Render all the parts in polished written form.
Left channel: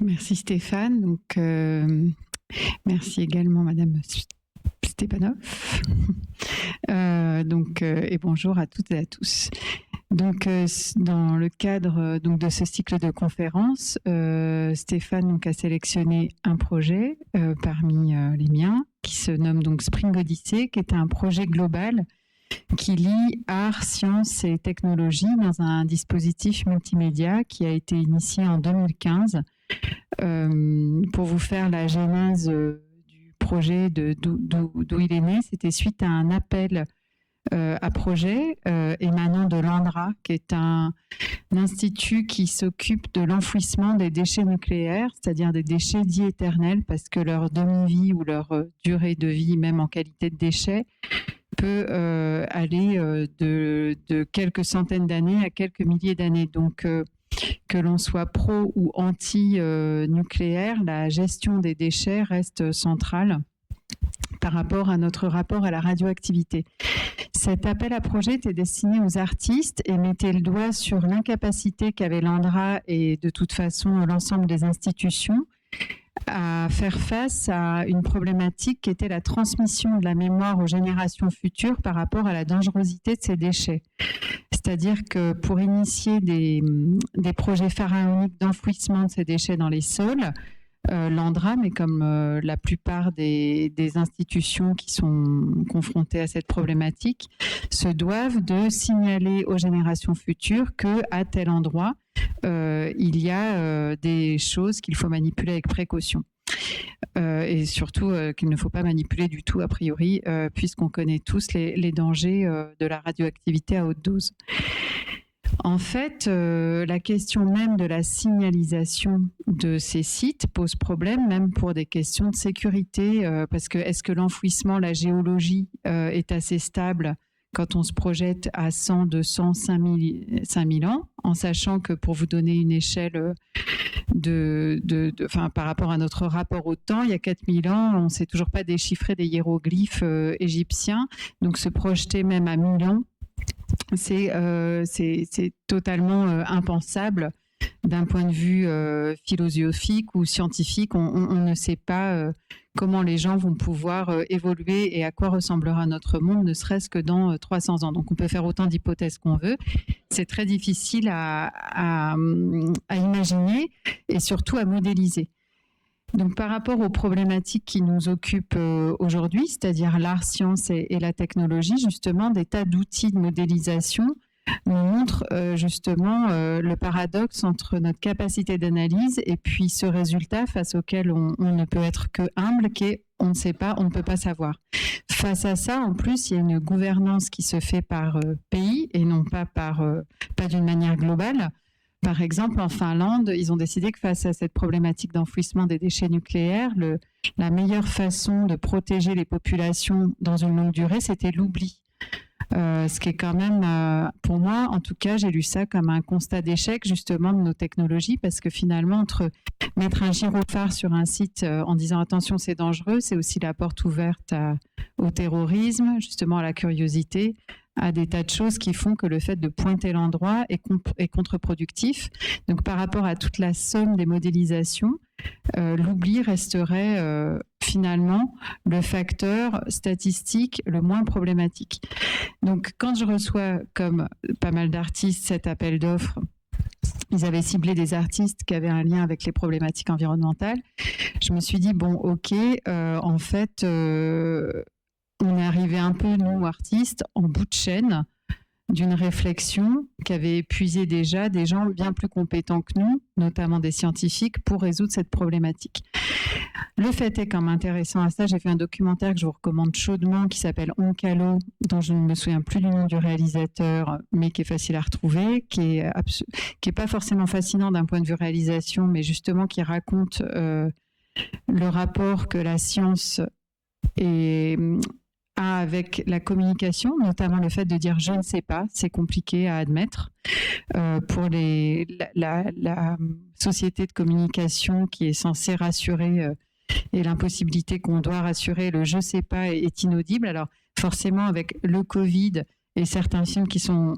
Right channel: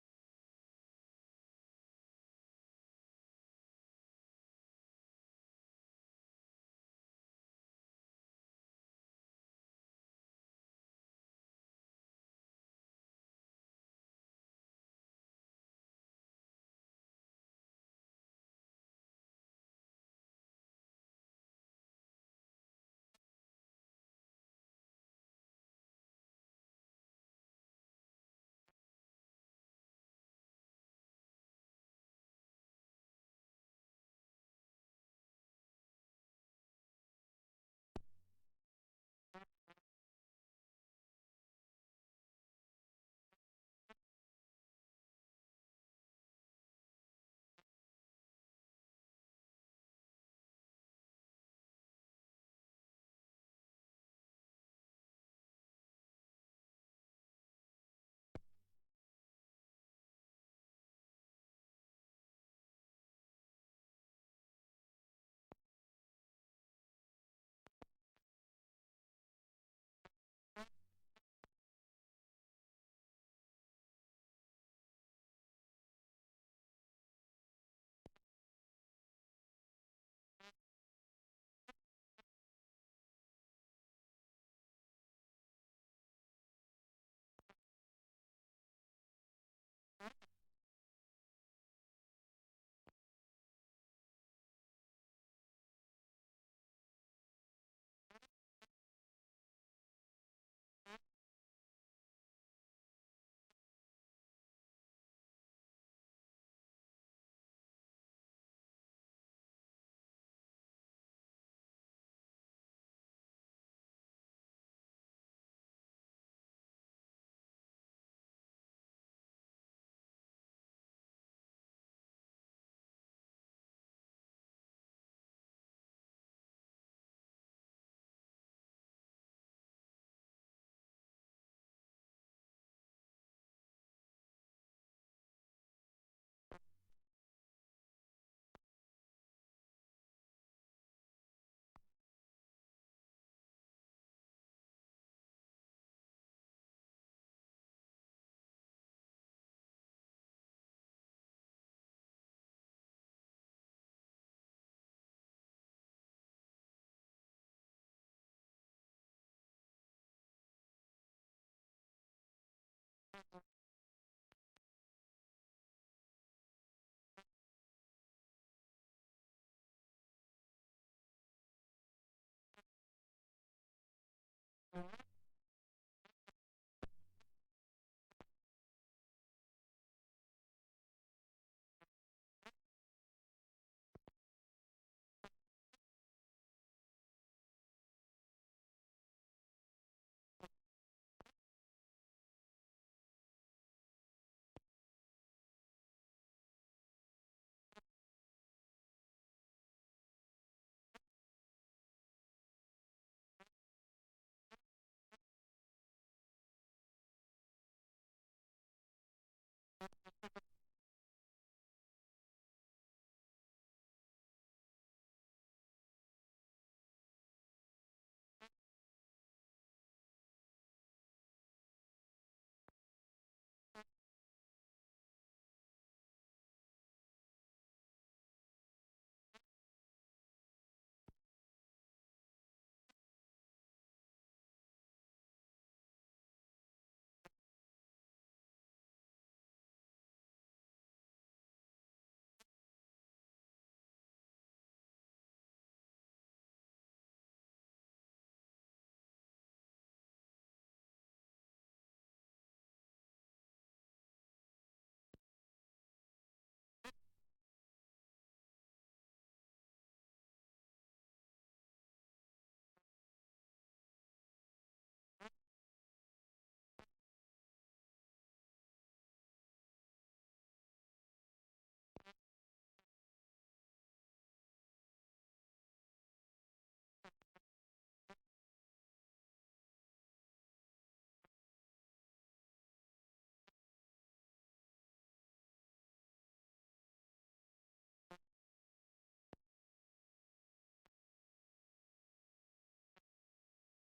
Merci Stéphane. Merci également Madame Stepanov. Et bonjour à toutes et à tous. Dans le cadre de ce cycle de conférences, Stéphane a sélectionné un projet parmi les miens qui se nomme donc Spring Odyssey, qui est un projet global qui lie art, sciences et technologie dans un dispositif multimédia qui a été initié en 2015. Pour vous faire la genèse du projet, d'où il est né, c'était suite à un appel à projet émanant de l'ANDRA, qui est un institut qui s'occupe de l'enfouissement des déchets nucléaires, c'est-à-dire des déchets dits éternels, parce que leur demi-vie ou leur durée de vie, même en qualité de déchets, peut aller de quelques centaines d'années à quelques milliers d'années. Donc, que l'on soit pro ou anti-nucléaire, la gestion des déchets reste centrale par rapport à notre rapport à la radioactivité. Cet appel à projet était destiné aux artistes et mettait le doigt sur l'incapacité qu'avait l'ANDRA et de toute façon l'ensemble des institutions à faire face à une problématique qui était la transmission de la mémoire aux générations futures par rapport à la dangerosité de ces déchets. C'est-à-dire que pour initier des projets pharaoniques d'enfouissement de ces déchets dans les sols, l'ANDRA, mais comme la plupart des institutions qui sont confrontées à cette problématique, se doivent de signaler aux générations futures qu'à tel endroit, il y a des choses qu'il faut manipuler avec précaution. Et surtout qu'il ne faut pas manipuler du tout a priori, puisqu'on connaît tous les dangers de la radioactivité à haute dose. En fait, la question même de la signalisation de ces sites pose problème, même pour des questions de sécurité, parce que est-ce que l'enfouissement, la géologie est assez stable quand on se projette à 100, 200, 5000 ans, en sachant que pour vous donner une échelle par rapport à notre rapport au temps, il y a 4000 ans, on ne sait toujours pas déchiffrer des hiéroglyphes égyptiens, donc se projeter même à 1000 ans, c'est totalement impensable d'un point de vue philosophique ou scientifique. On ne sait pas comment les gens vont pouvoir évoluer et à quoi ressemblera notre monde, ne serait-ce que dans 300 ans. Donc on peut faire autant d'hypothèses qu'on veut. C'est très difficile à imaginer et surtout à modéliser. Donc, par rapport aux problématiques qui nous occupent aujourd'hui, c'est-à-dire l'art, science et la technologie, justement, des tas d'outils de modélisation nous montrent justement le paradoxe entre notre capacité d'analyse et puis ce résultat face auquel on ne peut être que humble, qui est on ne sait pas, on ne peut pas savoir. Face à ça, en plus, il y a une gouvernance qui se fait par pays et non pas d'une manière globale. Par exemple, en Finlande, ils ont décidé que face à cette problématique d'enfouissement des déchets nucléaires, la meilleure façon de protéger les populations dans une longue durée, c'était l'oubli. Ce qui est quand même, pour moi, en tout cas, j'ai lu ça comme un constat d'échec justement de nos technologies, parce que finalement, entre mettre un gyrophare sur un site en disant attention, c'est dangereux, c'est aussi la porte ouverte au terrorisme, justement à la curiosité, à des tas de choses qui font que le fait de pointer l'endroit est contre-productif. Donc par rapport à toute la somme des modélisations, l'oubli resterait finalement le facteur statistique le moins problématique. Donc quand je reçois, comme pas mal d'artistes, cet appel d'offres, ils avaient ciblé des artistes qui avaient un lien avec les problématiques environnementales, je me suis dit, bon, ok, en fait... on est arrivé un peu, nous, artistes, en bout de chaîne d'une réflexion qu'avaient épuisé déjà des gens bien plus compétents que nous, notamment des scientifiques, pour résoudre cette problématique. Le fait est, comme intéressant à ça, j'ai fait un documentaire que je vous recommande chaudement qui s'appelle Onkalo, dont je ne me souviens plus du nom du réalisateur, mais qui est facile à retrouver, qui est pas forcément fascinant d'un point de vue réalisation, mais justement qui raconte le rapport que la science a avec la communication, notamment le fait de dire je ne sais pas, c'est compliqué à admettre. Pour la société de communication qui est censée rassurer et l'impossibilité qu'on doit rassurer, le je sais pas est inaudible. Alors forcément avec le Covid et certains films qui sont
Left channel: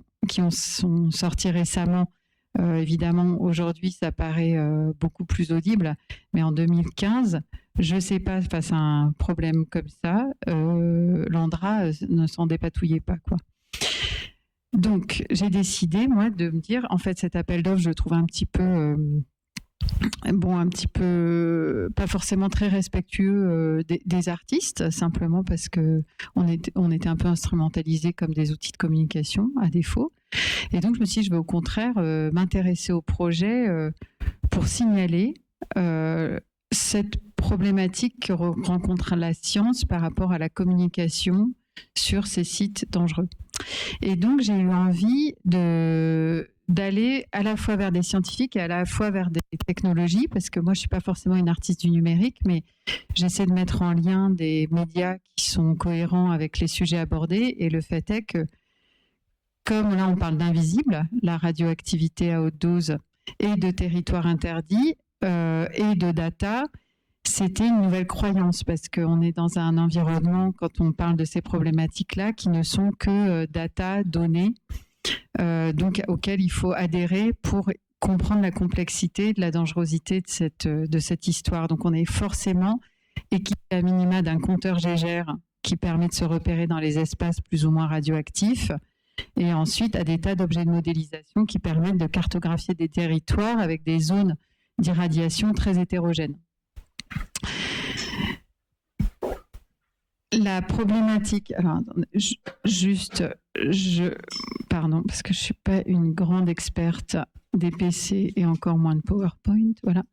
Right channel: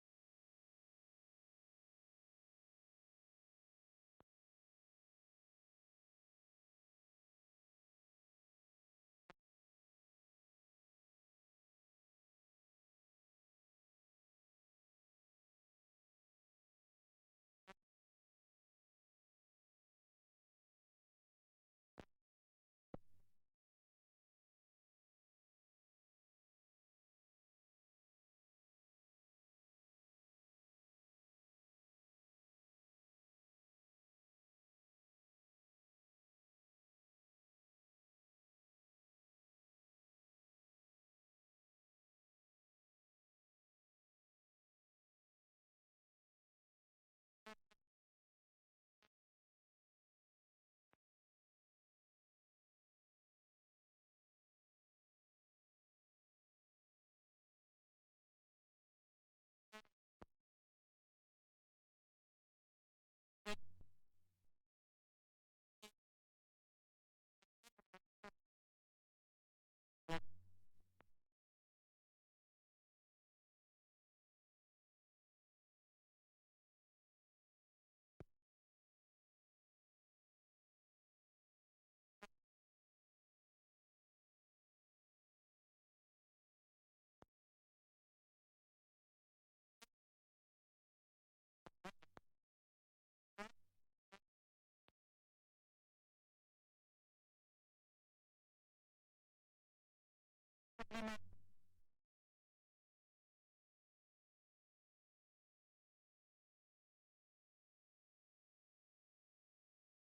sortis récemment, Évidemment, aujourd'hui, ça paraît beaucoup plus audible, mais en 2015, je ne sais pas, face à un problème comme ça, l'Andra ne s'en dépatouillait pas, quoi. Donc, j'ai décidé, moi, de me dire, en fait, cet appel d'offres, je le trouve un petit peu pas forcément très respectueux des artistes, simplement parce que on était un peu instrumentalisés comme des outils de communication à défaut. Et donc je me suis dit, je vais au contraire m'intéresser au projet pour signaler cette problématique que rencontre la science par rapport à la communication sur ces sites dangereux. Et donc j'ai eu envie d'aller à la fois vers des scientifiques et à la fois vers des technologies, parce que moi je suis pas forcément une artiste du numérique, mais j'essaie de mettre en lien des médias qui sont cohérents avec les sujets abordés. Et le fait est que, comme là on parle d'invisible, la radioactivité à haute dose et de territoires interdits et de data, c'était une nouvelle croyance, parce qu'on est dans un environnement, quand on parle de ces problématiques-là, qui ne sont que data, données, donc auxquelles il faut adhérer pour comprendre la complexité de la dangerosité de cette histoire. Donc on est forcément équipé à minima d'un compteur Gégère qui permet de se repérer dans les espaces plus ou moins radioactifs, et ensuite à des tas d'objets de modélisation qui permettent de cartographier des territoires avec des zones d'irradiation très hétérogènes. La problématique, alors pardon, parce que je ne suis pas une grande experte des PC et encore moins de PowerPoint, voilà.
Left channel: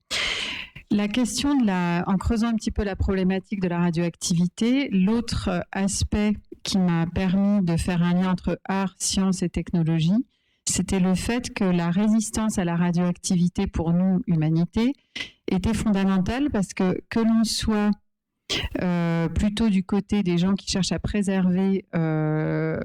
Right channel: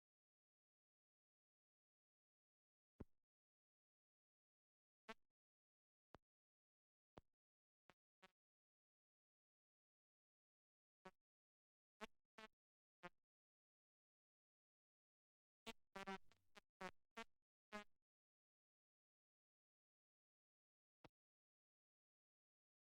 La question en creusant un petit peu la problématique de la radioactivité, l'autre aspect qui m'a permis de faire un lien entre art, science et technologie, c'était le fait que la résistance à la radioactivité pour nous, humanité, était fondamentale, parce que l'on soit plutôt du côté des gens qui cherchent à préserver, on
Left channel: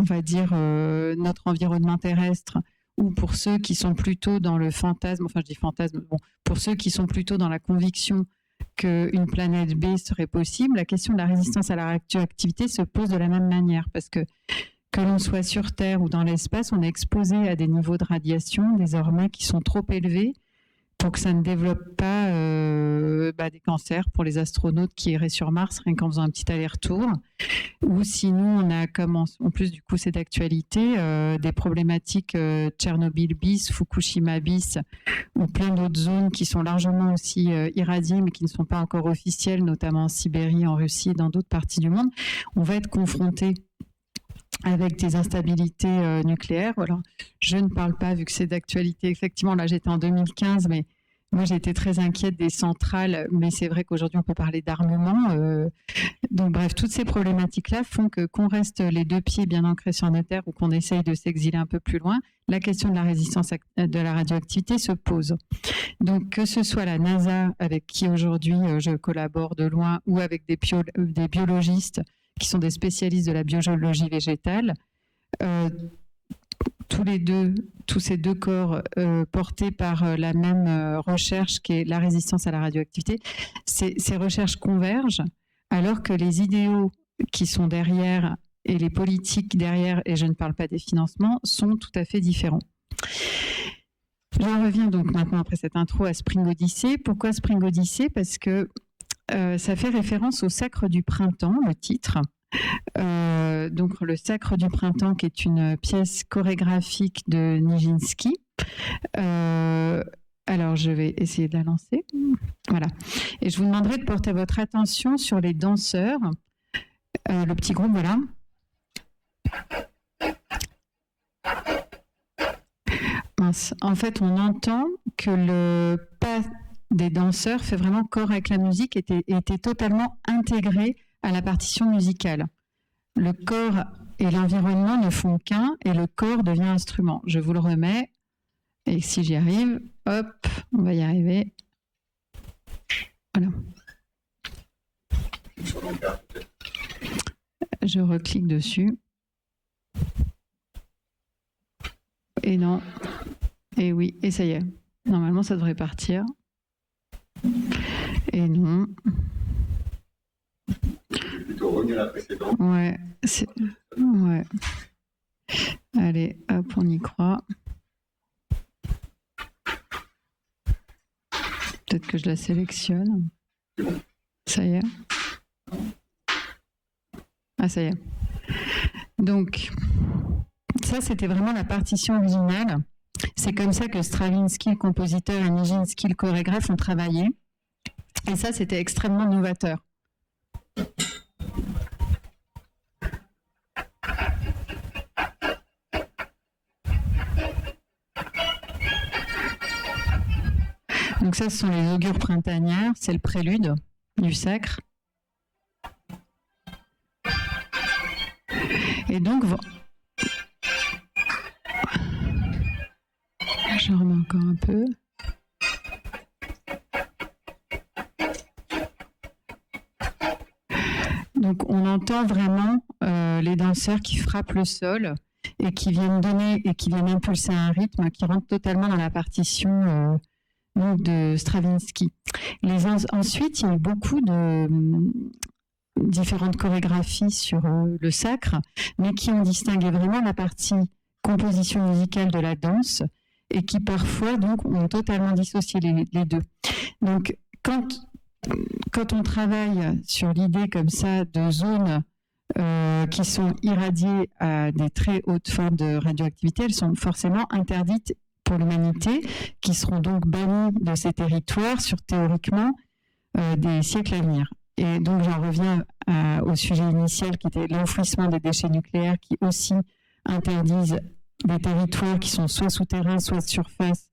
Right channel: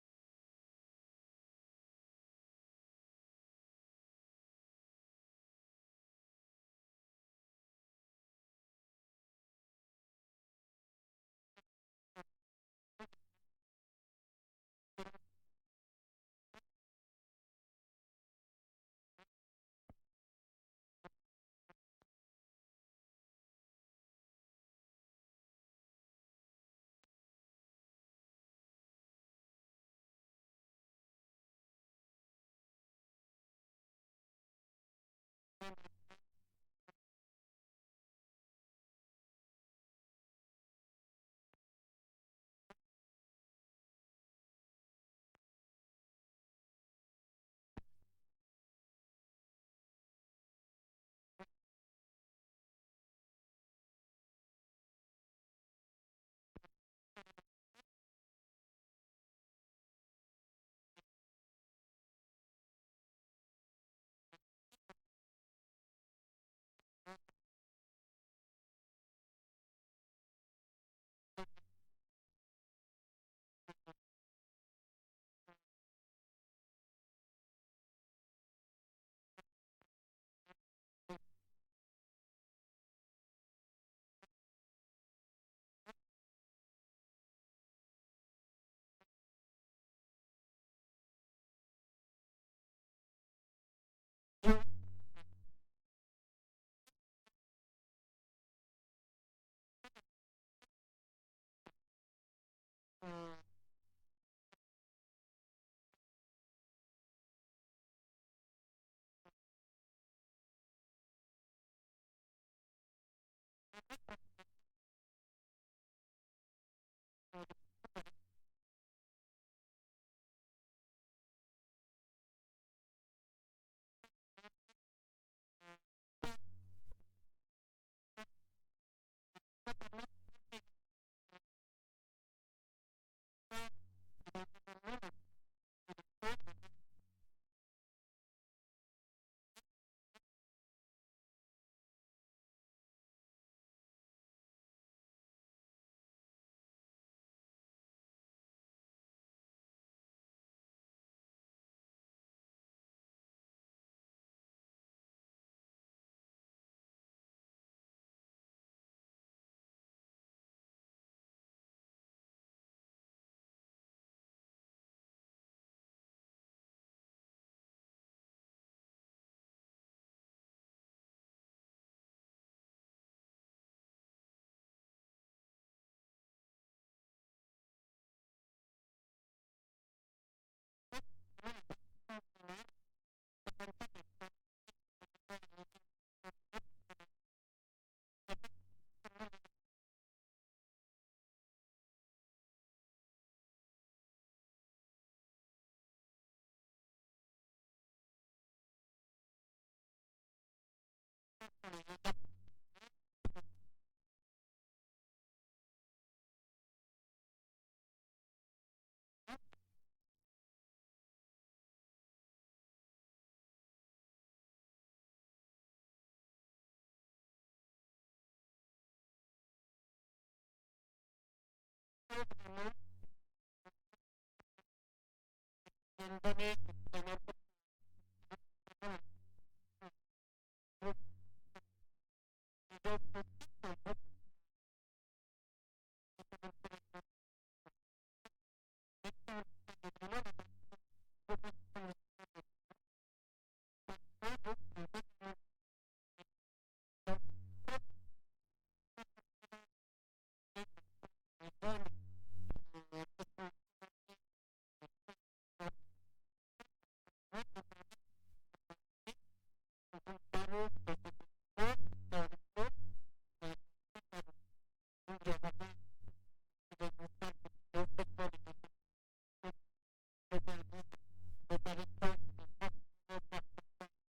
va dire, notre environnement terrestre, ou pour ceux qui sont plutôt dans le fantasme, enfin je dis fantasme, bon, pour ceux qui sont plutôt dans la conviction qu'une planète B serait possible, la question de la résistance à la radioactivité se pose de la même manière, parce que l'on soit sur Terre ou dans l'espace, on est exposé à des niveaux de radiation désormais qui sont trop élevés pour que ça ne développe pas des cancers pour les astronautes qui iraient sur Mars rien qu'en faisant un petit aller-retour. Ou sinon, on a, comme en plus du coup c'est d'actualité, des problématiques Tchernobyl bis, Fukushima bis, ou plein d'autres zones qui sont largement aussi irradiées, mais qui ne sont pas encore officielles, notamment en Sibérie, en Russie et dans d'autres parties du monde. On va être confronté avec des instabilités nucléaires. Alors, je ne parle pas, vu que c'est d'actualité, effectivement, là j'étais en 2015, mais moi j'étais très inquiète des centrales, mais c'est vrai qu'aujourd'hui on peut parler d'armement. Donc bref, toutes ces problématiques-là font qu'on reste les deux pieds bien ancrés sur la terre, ou qu'on essaye de s'exiler un peu plus loin. La question de la résistance de la radioactivité se pose. Donc que ce soit la NASA, avec qui aujourd'hui je collabore de loin, ou avec des biologistes qui sont des spécialistes de la biologie végétale, tous ces deux corps portés par la même recherche qui est la résistance à la radioactivité, ces recherches convergent, alors que les idéaux qui sont derrière et les politiques derrière, et je ne parle pas des financements, sont tout à fait différents. J'en reviens donc maintenant, après cette intro, à Spring Odyssey. Pourquoi Spring Odyssey ? Parce que ça fait référence au Sacre du Printemps, le titre. Donc le Sacre du Printemps, qui est une pièce chorégraphique de Nijinsky. Alors je vais essayer de la lancer. Voilà. Et je vous demanderai de porter votre attention sur les danseurs. Le petit groupe, voilà. Mince. En fait, on entend que le pas des danseurs fait vraiment corps avec la musique, était totalement intégré à la partition musicale. Le corps et l'environnement ne font qu'un, et le corps devient instrument. Je vous le remets, et si j'y arrive, hop, on va y arriver. Voilà. Je reclique dessus. Et non. Et oui, et ça y est. Normalement, ça devrait partir. Et non. Plutôt revenir à la précédente. Ouais. Ouais. Allez, hop, on y croit. Peut-être que je la sélectionne. Ça y est. Ah, ça y est. Donc, ça, c'était vraiment la partition originale. C'est comme ça que Stravinsky, le compositeur, et Nijinsky, le chorégraphe, ont travaillé. Et ça, c'était extrêmement novateur. Donc ça, ce sont les augures printanières, c'est le prélude du sacre. Et donc, je remets encore un peu. Donc on entend vraiment les danseurs qui frappent le sol et qui viennent donner et qui viennent impulser un rythme qui rentre totalement dans la partition de Stravinsky. Ensuite, il y a eu beaucoup de différentes chorégraphies sur le sacre, mais qui ont distingué vraiment la partie composition musicale de la danse et qui parfois donc ont totalement dissocié les deux. Donc quand on travaille sur l'idée comme ça de zones qui sont irradiées à des très hautes formes de radioactivité, elles sont forcément interdites pour l'humanité, qui seront donc bannis de ces territoires sur théoriquement des siècles à venir. Et donc j'en reviens au sujet initial qui était l'enfouissement des déchets nucléaires qui aussi interdisent des territoires qui sont soit souterrains, soit de surface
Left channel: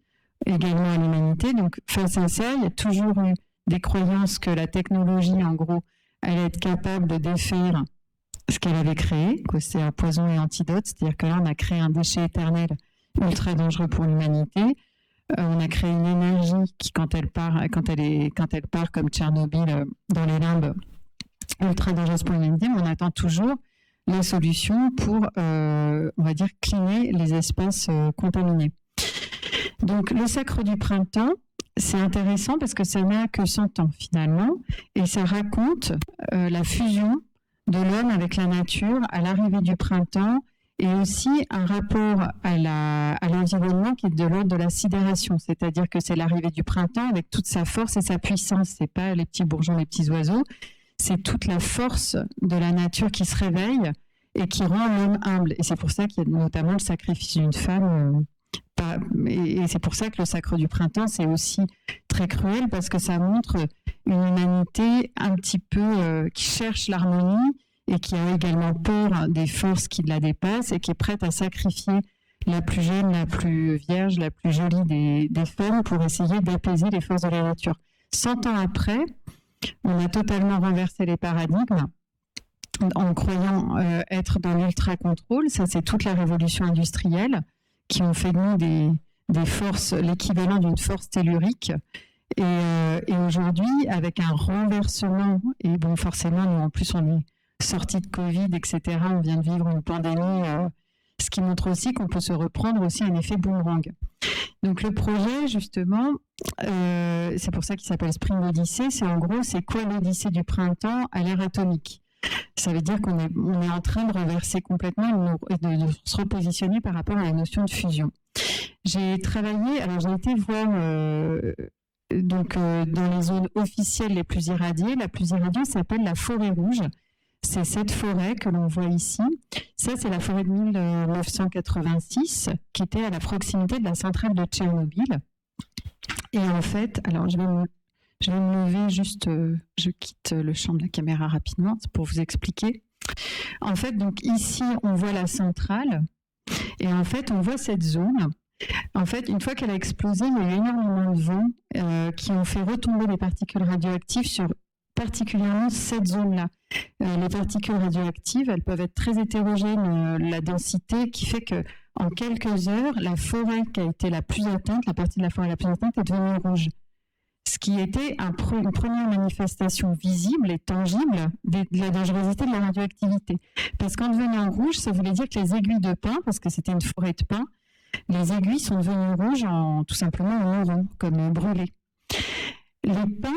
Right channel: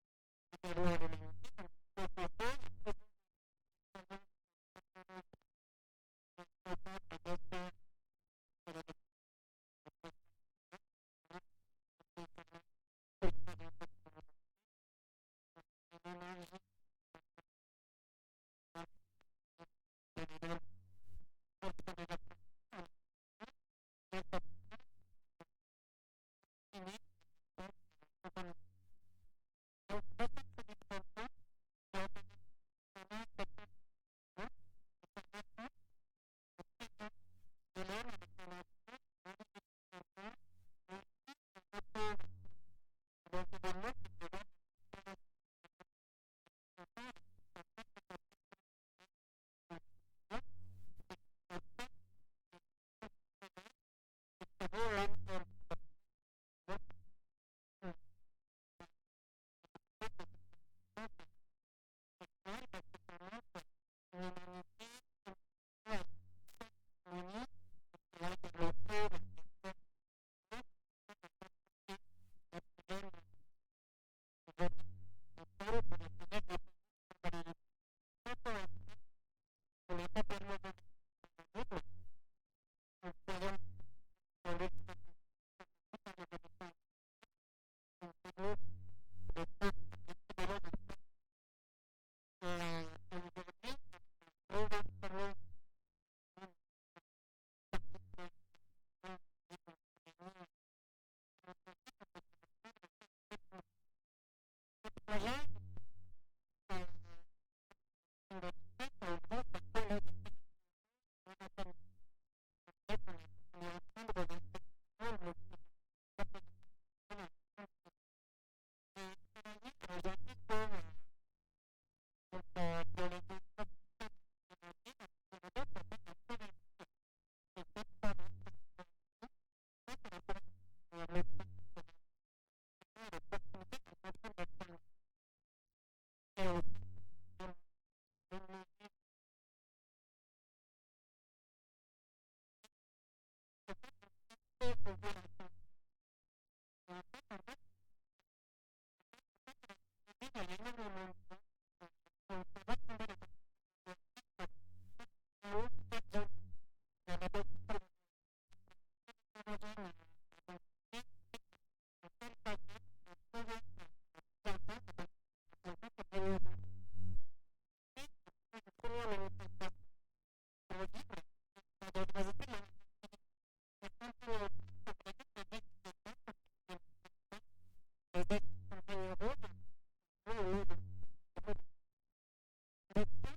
également à l'humanité. Donc face à ça, il y a toujours eu des croyances que la technologie, en gros, allait être capable de défaire ce qu'elle avait créé, que c'est un poison et antidote, c'est-à-dire que là, on a créé un déchet éternel ultra dangereux pour l'humanité. On a créé une énergie qui, quand elle part comme Tchernobyl dans les limbes, ultra dangereuse pour l'humanité, mais on attend toujours les solutions pour, on va dire, cleaner les espaces contaminés. Donc, le sacre du printemps, c'est intéressant parce que ça n'a que 100 ans finalement, et ça raconte la fusion de l'homme avec la nature à l'arrivée du printemps, et aussi un rapport à l'environnement qui est de l'ordre de la sidération, c'est-à-dire que c'est l'arrivée du printemps avec toute sa force et sa puissance. C'est pas les petits bourgeons, les petits oiseaux, c'est toute la force de la nature qui se réveille et qui rend l'homme humble. Et c'est pour ça qu'il y a notamment le sacrifice d'une femme. Et c'est pour ça que le sacre du printemps, c'est aussi très cruel, parce que ça montre une humanité un petit peu qui cherche l'harmonie et qui a également peur des forces qui la dépassent et qui est prête à sacrifier la plus jeune, la plus vierge, la plus jolie des femmes pour essayer d'apaiser les forces de la nature. 100 ans après, on a totalement renversé les paradigmes en croyant être dans l'ultra-contrôle. Ça, c'est toute la révolution industrielle qui ont fait de nous des forces, l'équivalent d'une force tellurique. Et aujourd'hui, avec un renversement, et bon, forcément, nous, en plus, on est sorti de Covid, etc., on vient de vivre une pandémie, ce qui montre aussi qu'on peut se reprendre aussi un effet boomerang. Donc le projet, justement, c'est pour ça qu'il s'appelle Spring Odyssey, c'est en gros, c'est quoi l'Odyssée du printemps à l'ère atomique? Ça veut dire qu'on est en train de reverser complètement et de se repositionner par rapport à la notion de fusion. J'ai travaillé, alors j'ai été voir dans les zones officielles les plus irradiées. La plus irradiée s'appelle la forêt rouge. C'est cette forêt que l'on voit ici. Ça, c'est la forêt de 1986 qui était à la proximité de la centrale de Tchernobyl. Et en fait, alors je vais me lever juste, je quitte le champ de la caméra rapidement pour vous expliquer. En fait, donc ici, on voit la centrale et en fait, on voit cette zone. En fait, une fois qu'elle a explosé, il y a eu énormément de vents qui ont fait retomber des particules radioactives sur particulièrement cette zone-là. Les particules radioactives, elles peuvent être très hétérogènes, la densité qui fait que en quelques heures, la forêt qui a été la plus atteinte, la partie de la forêt la plus atteinte est devenue rouge. Ce qui était une première manifestation visible et tangible de la dangerosité de la radioactivité. Parce qu'en devenant rouge, ça voulait dire que les aiguilles de pin, parce que c'était une forêt de pin, les aiguilles sont devenues rouges tout simplement en marron, comme brûlées. Les pins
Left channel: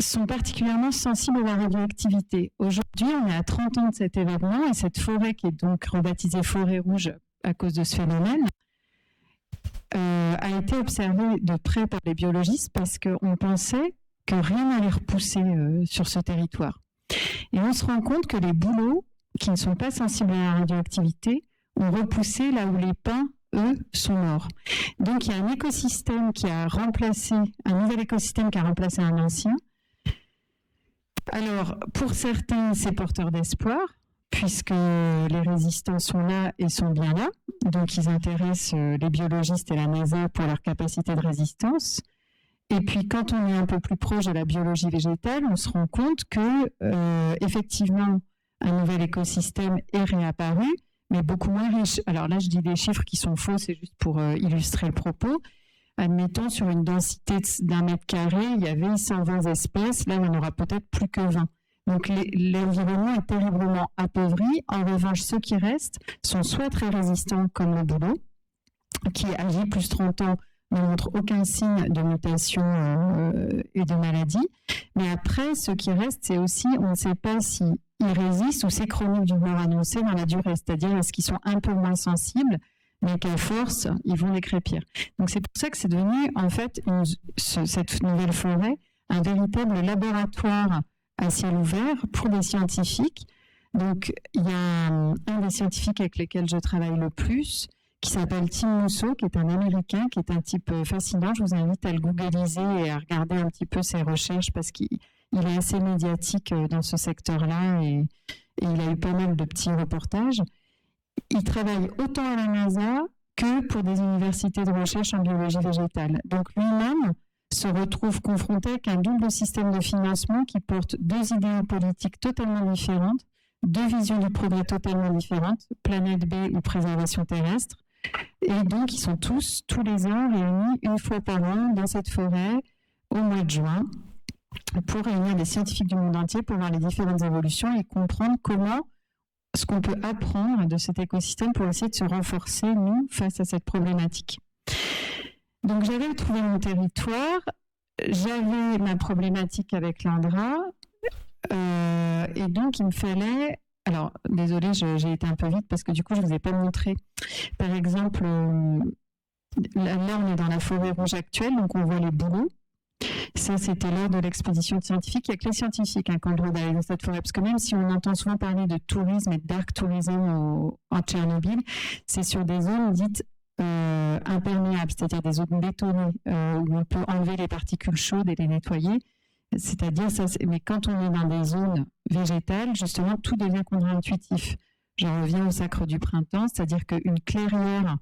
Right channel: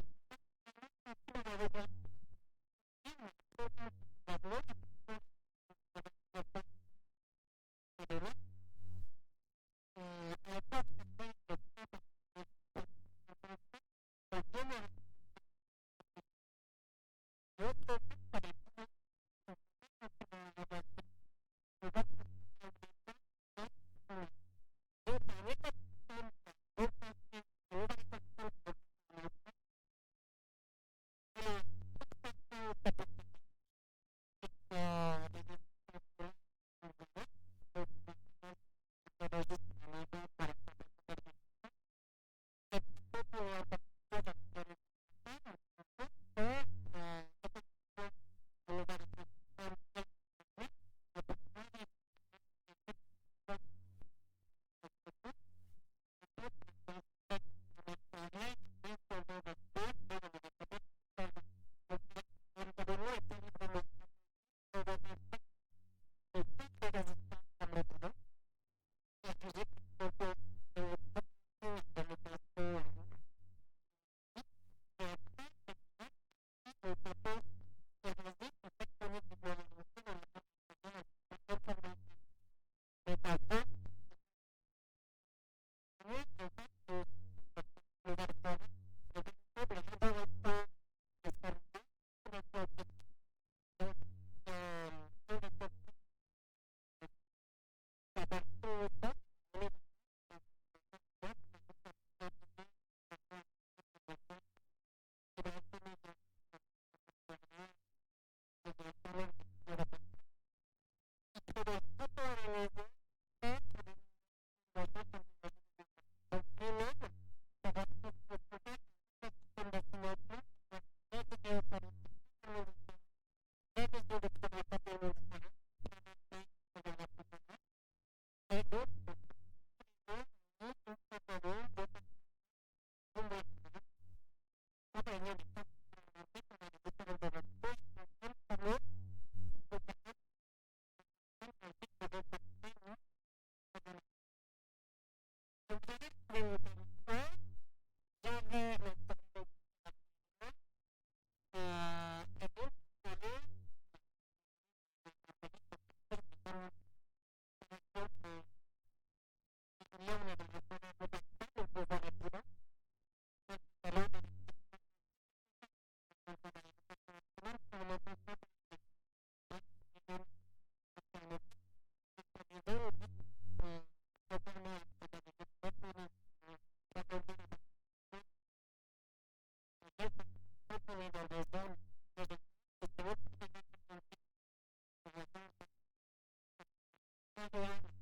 sont particulièrement sensibles à la radioactivité. Aujourd'hui, on est à 30 ans de cet événement et cette forêt, qui est donc rebaptisée forêt rouge à cause de ce phénomène, a été observé de près par les biologistes parce qu'on pensait que rien n'allait repousser sur ce territoire. Et on se rend compte que les bouleaux, qui ne sont pas sensibles à la radioactivité, ont repoussé là où les pins, eux, sont morts. Donc il y a un écosystème qui a remplacé, un nouvel écosystème qui a remplacé un ancien. Alors, pour certains, c'est porteur d'espoir, puisque les résistants sont là et sont bien là. Donc ils intéressent les biologistes et la NASA pour leur capacité de résistance. Et puis, quand on est un peu plus proche de la biologie végétale, on se rend compte que, effectivement, un nouvel écosystème est réapparu, mais beaucoup moins riche. Alors là, je dis des chiffres qui sont faux, c'est juste pour illustrer le propos. Admettons, sur une densité d'1 mètre carré, il y avait 120 espèces. Là, il n'y en aura peut-être plus que 20. Donc, l'environnement est terriblement appauvri. En revanche, ceux qui restent sont soit très résistants, comme le bouleau, qui agit plus 30 ans, ne montre aucun signe de mutation et de maladie. Mais après, ce qui reste, c'est aussi, on ne sait pas s'ils résistent ou c'est chronique d'une mort annoncée dans la durée. C'est-à-dire, est-ce qu'ils sont un peu moins sensibles, mais qu'à force, ils vont décrépir. Donc, c'est pour ça que c'est devenu, en fait, cette nouvelle forêt, un véritable laboratoire à ciel ouvert pour des scientifiques. Donc, il y a un des scientifiques avec lesquels je travaille le plus, qui s'appelle Tim Mousseau, qui est un Américain, qui est un type fascinant. Je vous invite à le googliser et à regarder un petit peu ses recherches parce qu'il est assez médiatique dans ce secteur-là et il a eu pas mal de petits reportages. Il travaille autant à la NASA que pour des universités de recherche en biologie végétale. Donc lui-même se retrouve confronté avec un double système de financement qui porte deux idéaux politiques totalement différentes, deux visions du progrès totalement différentes, planète B ou préservation terrestre. Et donc, ils sont tous les ans, réunis une fois par an dans cette forêt au mois de juin pour réunir des scientifiques du monde entier pour voir les différentes évolutions et comprendre comment ce qu'on peut apprendre de cet écosystème pour essayer de se renforcer, nous, face à cette problématique. Donc, j'avais trouvé mon territoire, j'avais ma problématique avec l'Andra, et donc, il me fallait... Alors, désolée, j'ai été un peu vite parce que du coup, je ne vous ai pas montré. Par exemple, là, on est dans la forêt rouge actuelle, donc on voit les bouleaux. Ça, c'était lors de l'expédition scientifique. Il n'y a que les scientifiques qui ont le droit d'aller dans cette forêt. Parce que même si on entend souvent parler de tourisme et de dark tourism en Tchernobyl, c'est sur des zones dites imperméables, c'est-à-dire des zones bétonnées où on peut enlever les particules chaudes et les nettoyer. C'est-à-dire, mais quand on est dans des zones végétales, justement, tout devient contre-intuitif. Je reviens au sacre du printemps, c'est-à-dire qu'une clairière,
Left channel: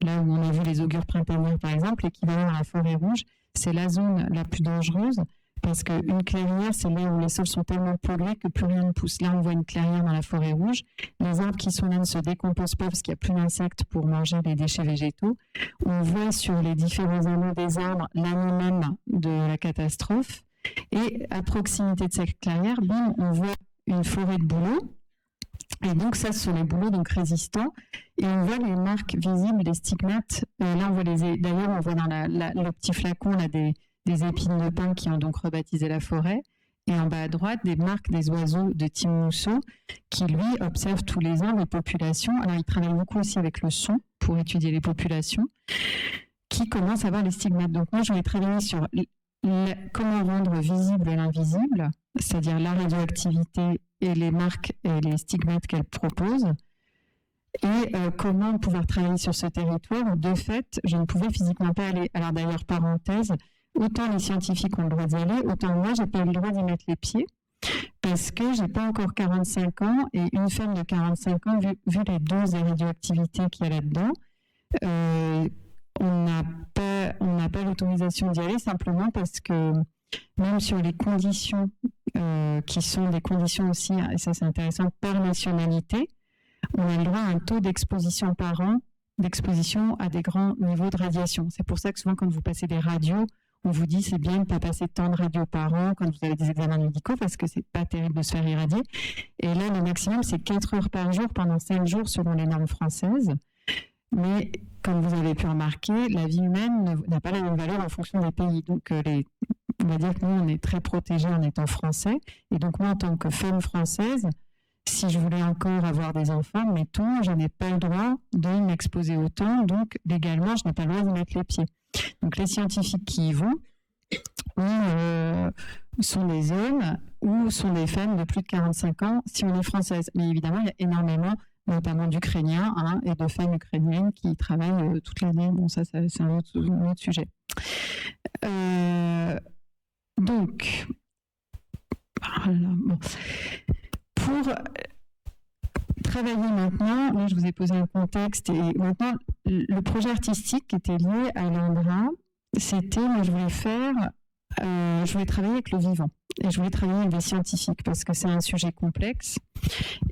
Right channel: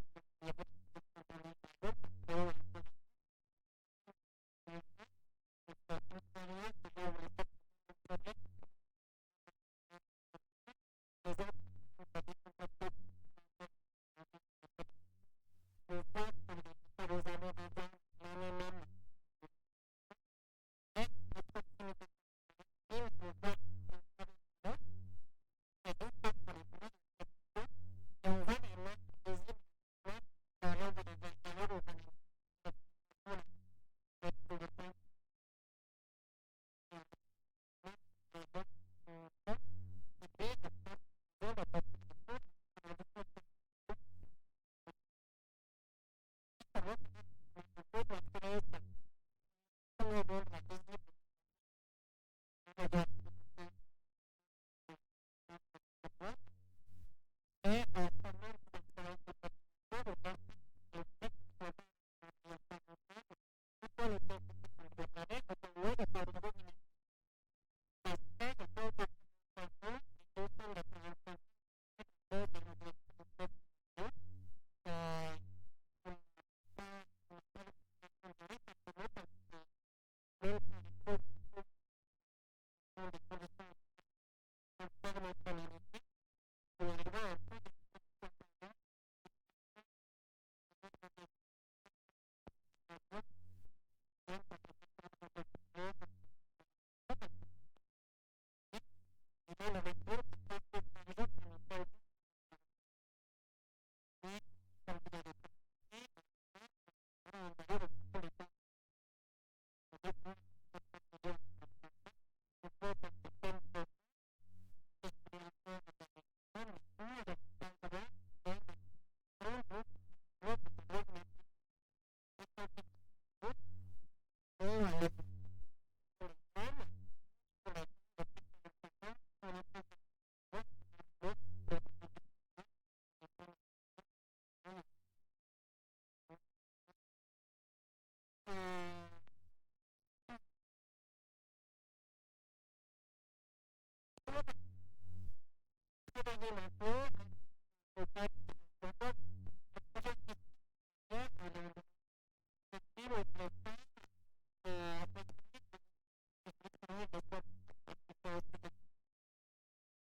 là où on a vu les augures printanières par exemple, l'équivalent à la forêt rouge, c'est la zone la plus dangereuse parce qu'une clairière, c'est là où les sols sont tellement pollués que plus rien ne pousse. Là, on voit une clairière dans la forêt rouge. Les arbres qui sont là ne se décomposent pas parce qu'il n'y a plus d'insectes pour manger les déchets végétaux. On voit sur les différents anneaux des arbres l'année même de la catastrophe. Et à proximité de cette clairière, on voit une forêt de bouleaux. Et donc ça, ce sont les bouleaux donc résistants. Et on voit les marques visibles, les stigmates. Là, on voit d'ailleurs, on voit dans le petit flacon là, des épines de pin qui ont donc rebaptisé la forêt. Et en bas à droite, des marques des oiseaux de Tim Mousseau qui, lui, observe tous les ans les populations. Alors, il travaille beaucoup aussi avec le son pour étudier les populations qui commencent à avoir les stigmates. Donc moi, je vais travailler sur comment rendre visible l'invisible, c'est-à-dire la radioactivité et les marques et les stigmates qu'elle propose, et comment pouvoir travailler sur ce territoire où, de fait, je ne pouvais physiquement pas aller. Alors d'ailleurs, parenthèse, autant les scientifiques ont le droit d'y aller, autant moi, j'ai pas eu le droit d'y mettre les pieds, parce que j'ai pas encore 45 ans, et une femme de 45 ans, vu les doses de radioactivité qu'il y a là-dedans, on n'a pas l'autorisation d'y aller simplement parce que même sur les conditions qui sont des conditions aussi, et ça c'est intéressant, par nationalité, on a le droit à un taux d'exposition par an, d'exposition à des grands niveaux de radiation. C'est pour ça que souvent quand vous passez des radios, on vous dit c'est bien de ne pas passer tant de radios par an quand vous avez des examens médicaux parce que c'est pas terrible de se faire irradier. Et là, le maximum, c'est 4 heures par jour pendant 5 jours selon les normes françaises. Mais comme vous avez pu remarquer, la vie humaine n'a pas la même valeur en fonction des pays. Donc, on va dire que nous, on est très protégés en étant français. Et donc, moi, en tant que femme française, si je voulais encore avoir des enfants, mettons, je n'ai pas le droit de m'exposer autant, donc légalement, je n'ai pas le droit d'y mettre les pieds. Donc les scientifiques qui y vont sont des hommes ou sont des femmes de plus de 45 ans si on est française. Mais évidemment, il y a énormément, notamment d'Ukrainiens et de femmes ukrainiennes qui travaillent toute l'année. Bon, ça c'est un autre sujet. Donc, voilà, bon. Pour travailler maintenant, là je vous ai posé un contexte, et maintenant le projet artistique qui était lié à l'Indra, c'était, moi je voulais travailler avec le vivant, et je voulais travailler avec des scientifiques, parce que c'est un sujet complexe,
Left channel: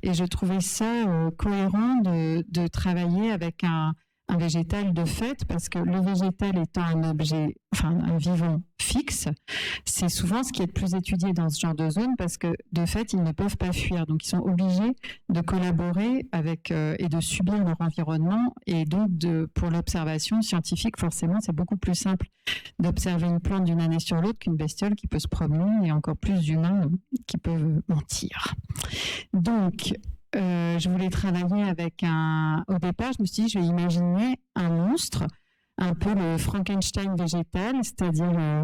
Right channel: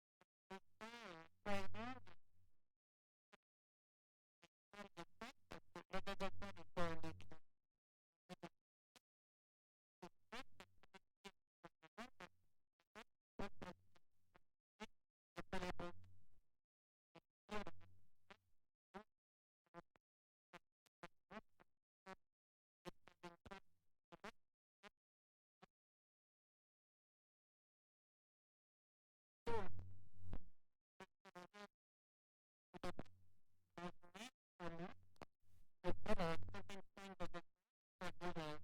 et je trouvais ça cohérent de travailler avec un végétal de fait, parce que le végétal étant un objet, un vivant fixe, c'est souvent ce qui est le plus étudié dans ce genre de zone, parce que de fait, ils ne peuvent pas fuir. Donc, ils sont obligés de collaborer avec et de subir leur environnement. Et donc, pour l'observation scientifique, forcément, c'est beaucoup plus simple d'observer une plante d'une année sur l'autre qu'une bestiole qui peut se promener, et encore plus d'humains qui peuvent mentir. Donc, je voulais travailler avec au départ, je me suis dit, je vais imaginer un monstre, un peu le Frankenstein végétal, c'est-à-dire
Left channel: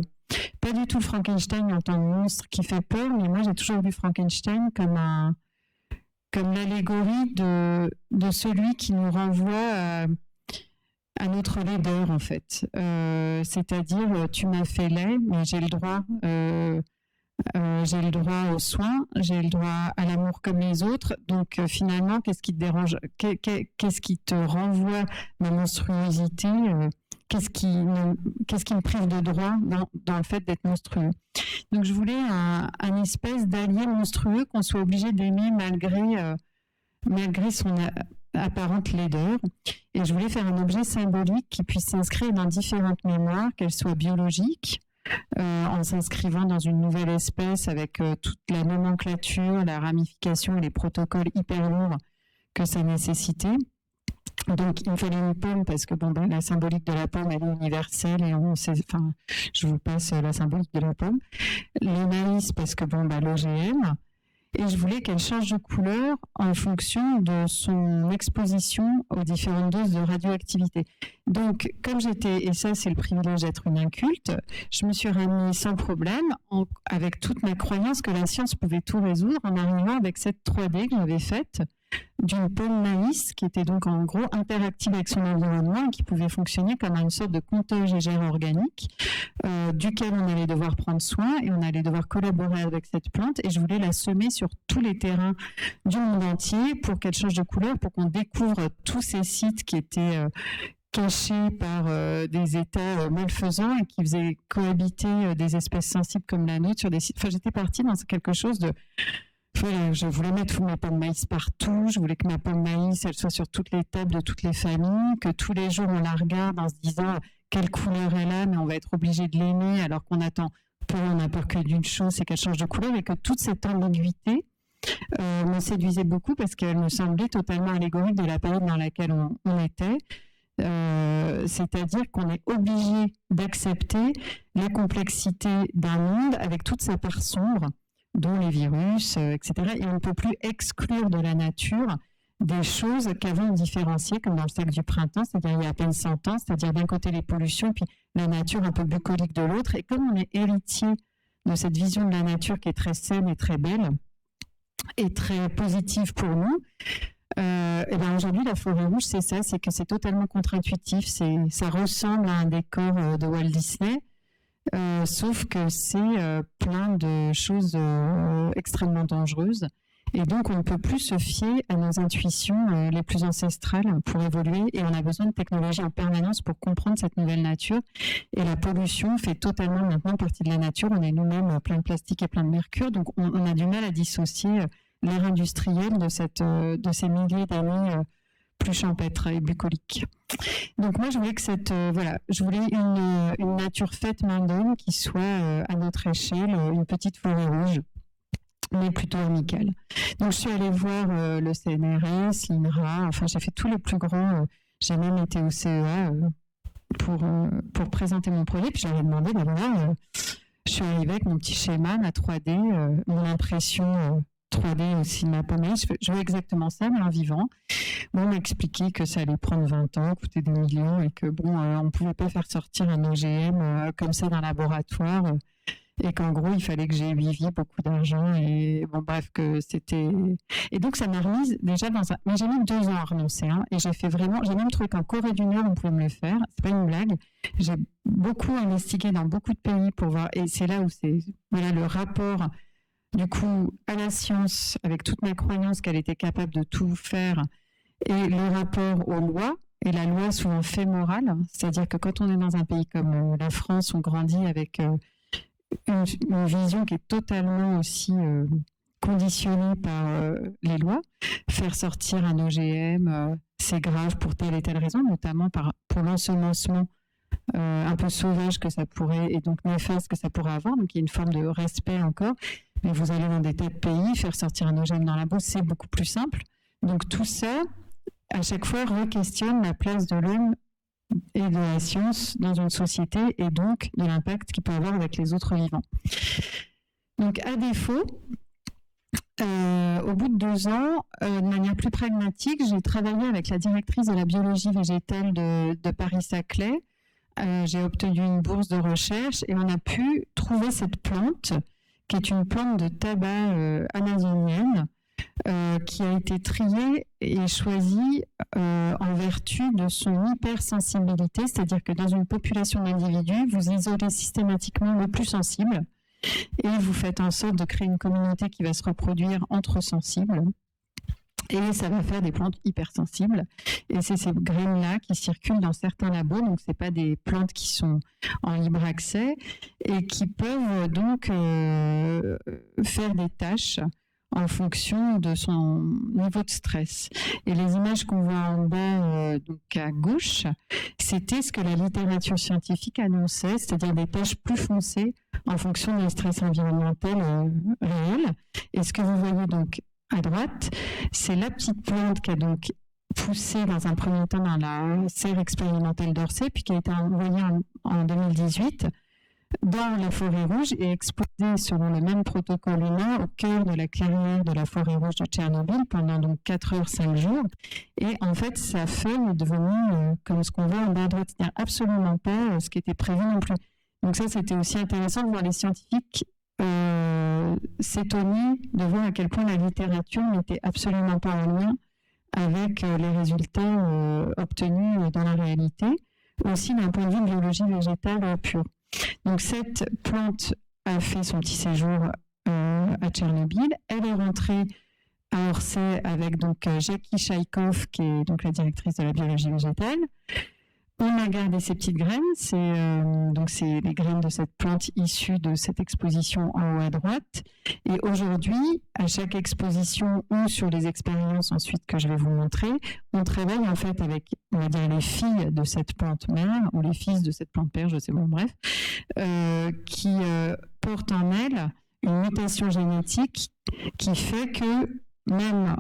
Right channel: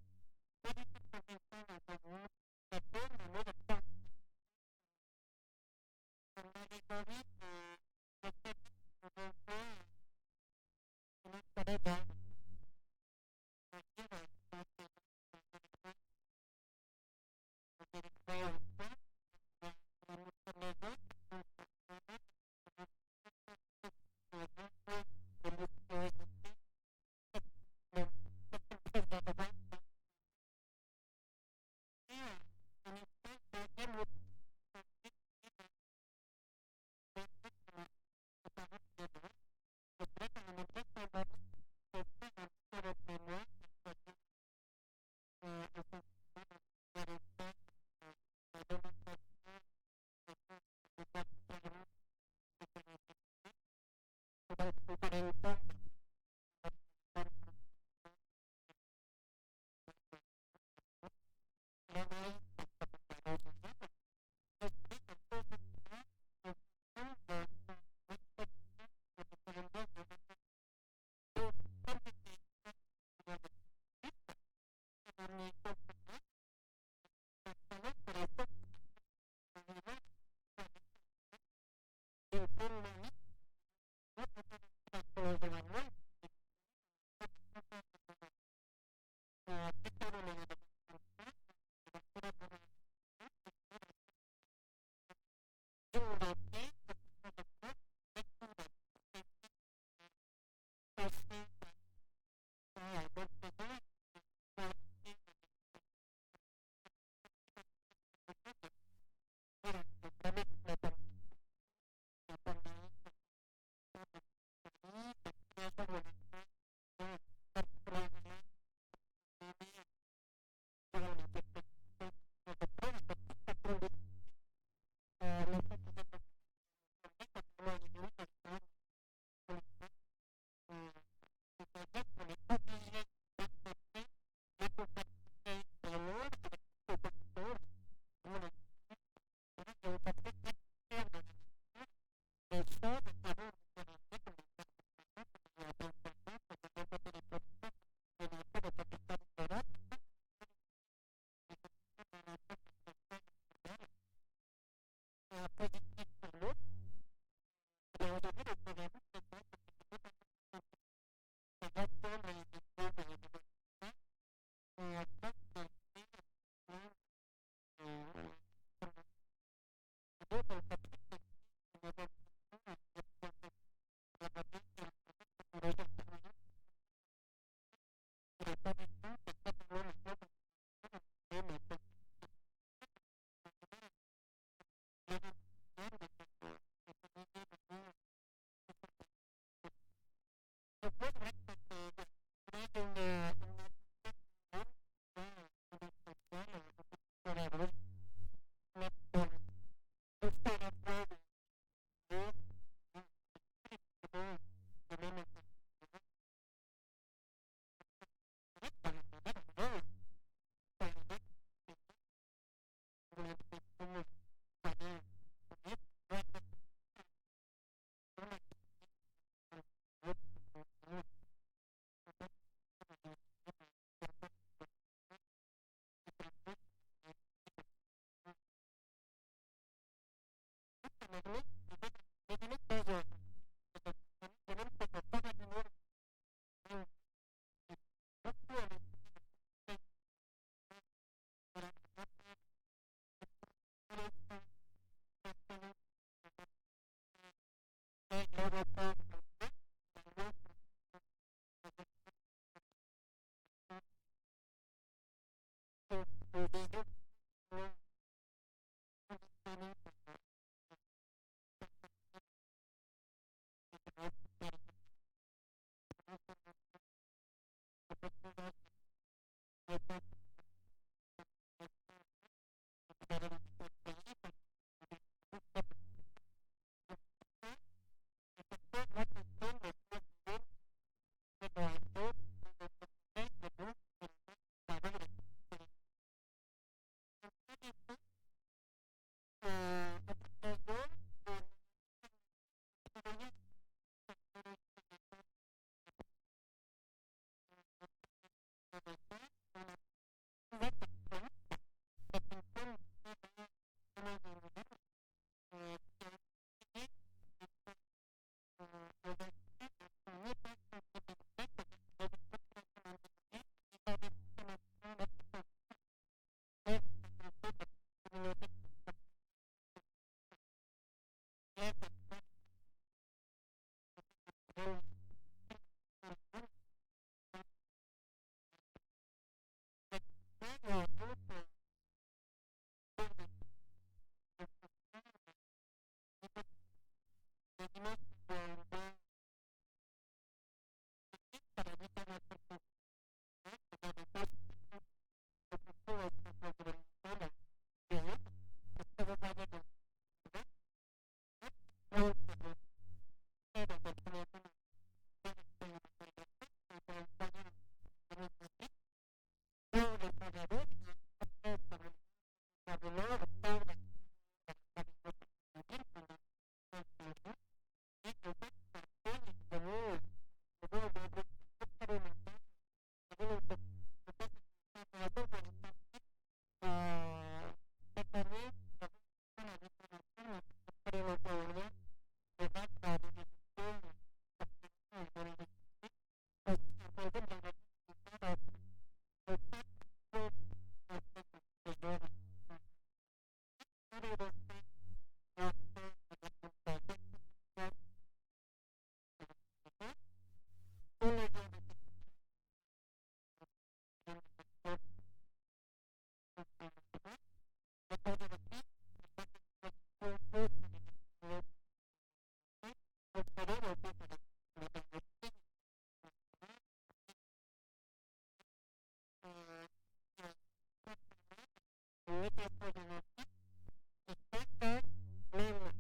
pas du tout le Frankenstein en tant que monstre qui fait peur, mais moi j'ai toujours vu Frankenstein comme l'allégorie de celui qui nous renvoie à notre laideur en fait. C'est-à-dire, tu m'as fait laid, mais j'ai le droit. J'ai le droit aux soins, j'ai le droit à l'amour comme les autres. Donc finalement, qu'est-ce qui te dérange, qu'est-ce qui te renvoie ma monstruosité, qu'est-ce qui me prive de droit dans le fait d'être monstrueux. Donc je voulais un espèce d'allié monstrueux qu'on soit obligé d'aimer malgré son apparente laideur. Et je voulais faire un objet symbolique qui puisse s'inscrire dans différentes mémoires, qu'elles soient biologiques, en s'inscrivant dans une nouvelle espèce avec toute la nomenclature, la ramification et les protocoles hyper lourds que ça nécessitait. Donc, il me fallait une pomme parce que la symbolique de la pomme, elle est universelle et je vous passe la symbolique de la pomme. Les maïs parce que l'OGM. Et je voulais qu'elle change de couleur en fonction de son exposition aux différentes doses de radioactivité. Donc, comme et ça c'est le privilège d'être une inculte, je me suis ramenée sans problème, avec toute ma croyance que la science pouvait tout résoudre, en arrivant avec cette 3D que j'avais faite, d'une pomme maïs, qui était donc en gros interactive avec son environnement et qui pouvait fonctionner comme une sorte de compteur GGR organique, duquel on allait devoir prendre soin et on allait devoir collaborer avec cette plante, et je voulais la semer sur tous les terrains du monde entier pour qu'elle change de couleur, pour qu'on découvre tous ces sites qui étaient cachés par des États malfaisants et qui faisaient cohabiter des espèces sensibles comme la nôtre sur des sites. Enfin, j'étais partie dans quelque chose de... Voilà, je voulais mettre ma pomme maïs partout, je voulais que ma pomme maïs, elle soit sur toutes les tables de toutes les familles, que tous les jours on la regarde en se disant quelle couleur elle a, mais on va être obligé de l'aimer alors qu'on attend on n'a peur que d'une chose, c'est qu'elle change de couleur, et que toute cette ambiguïté me séduisait beaucoup parce qu'elle me semblait totalement allégorique de la période dans laquelle on était. C'est-à-dire qu'on est obligé d'accepter la complexité d'un monde avec toute sa part sombre, dont les virus, etc. Et on ne peut plus exclure de la nature des choses qu'avant on différenciait, comme dans le cercle du printemps, c'est-à-dire il y a à peine 100 ans, c'est-à-dire d'un côté les pollutions, puis la nature un peu bucolique de l'autre. Et comme on est héritier de cette vision de la nature qui est très saine et très belle, et très positive pour nous, et bien aujourd'hui la forêt rouge c'est ça, c'est que c'est totalement contre-intuitif, ça ressemble à un décor de Walt Disney, sauf que c'est plein de choses extrêmement dangereuses, et donc on ne peut plus se fier à nos intuitions les plus ancestrales pour évoluer, et on a besoin de technologie en permanence pour comprendre cette nouvelle nature. Et la pollution fait totalement maintenant partie de la nature, on est nous-mêmes plein de plastique et plein de mercure, donc on a du mal à dissocier l'ère industrielle de ces milliers d'années plus champêtres et bucoliques. Donc moi je voulais que je voulais une nature faite main d'homme qui soit à notre échelle une petite forêt rouge, mais plutôt amicale. Donc je suis allée voir le CNRS, l'INRA, enfin j'ai fait tous les plus grands, j'ai même été au CEA pour présenter mon projet, puis j'avais demandé je suis arrivée avec mon petit schéma, ma 3D, mon impression 3D au cinéma Pommeil. Je veux exactement ça, mais en vivant. Bon, on m'a expliqué que ça allait prendre 20 ans, coûter des millions et que on ne pouvait pas faire sortir un OGM comme ça d'un laboratoire et qu'en gros, il fallait que j'aie 8 vies, beaucoup d'argent et bon, bref, que c'était... Et donc, ça m'a remise déjà dans un... Mais j'ai mis 2 ans à renoncer et j'ai même trouvé qu'en Corée du Nord, on pouvait me le faire. C'est pas une blague. J'ai beaucoup investigué dans beaucoup de pays pour voir et c'est là où c'est... Voilà, le rapport... Du coup, à la science, avec toute ma croyance qu'elle était capable de tout faire, et le rapport aux lois, et la loi souvent fait morale, c'est-à-dire que quand on est dans un pays comme la France, on grandit avec une vision qui est totalement aussi conditionnée par les lois. Faire sortir un OGM, c'est grave pour telle et telle raison, notamment pour l'ensemencement un peu sauvage que ça pourrait, et donc néfaste que ça pourrait avoir, donc il y a une forme de respect encore. Mais vous allez dans des tas de pays, faire sortir un OGM dans la boue, c'est beaucoup plus simple. Donc tout ça, à chaque fois, re-questionne la place de l'homme et de la science dans une société et donc de l'impact qu'il peut avoir avec les autres vivants. Donc à défaut, au bout de 2 ans, de manière plus pragmatique, j'ai travaillé avec la directrice de la biologie végétale de Paris-Saclay. J'ai obtenu une bourse de recherche et on a pu trouver cette plante qui est une plante de tabac amazonienne qui a été triée et choisie en vertu de son hypersensibilité, c'est-à-dire que dans une population d'individus, vous isolez systématiquement le plus sensible et vous faites en sorte de créer une communauté qui va se reproduire entre sensibles. Et ça va faire des plantes hypersensibles. Et c'est ces graines-là qui circulent dans certains labos. Donc, ce n'est pas des plantes qui sont en libre accès et qui peuvent donc faire des tâches en fonction de son niveau de stress. Et les images qu'on voit en bas, donc à gauche, c'était ce que la littérature scientifique annonçait, c'est-à-dire des tâches plus foncées en fonction d'un stress environnemental réel. Et ce que vous voyez donc à droite, c'est la petite plante qui a donc poussé dans un premier temps dans la serre expérimentale d'Orsay, puis qui a été envoyée en 2018 dans la forêt rouge et exposée selon le même protocole humain au cœur de la clairière de la forêt rouge de Tchernobyl pendant donc 4 heures, 5 jours. Et en fait, sa feuille est devenue comme ce qu'on voit en bas à droite, c'est-à-dire absolument pas ce qui était prévu non plus. Donc ça, c'était aussi intéressant de voir les scientifiques s'étonner de voir à quel point la littérature n'était absolument pas en lien avec les résultats obtenus dans la réalité, aussi d'un point de vue biologie végétale pure. Donc cette plante a fait son petit séjour à Tchernobyl. Elle est rentrée à Orsay avec donc Jackie Chaïkov, qui est donc la directrice de la biologie végétale. On a gardé ces petites graines, c'est les graines de cette plante issue de cette exposition en haut à droite. Et aujourd'hui, à chaque exposition ou sur les expériences ensuite que je vais vous montrer, on travaille en fait avec, on va dire, les filles de cette plante mère ou les fils de cette plante père, je sais pas, bref, qui portent en elles une mutation génétique qui fait que même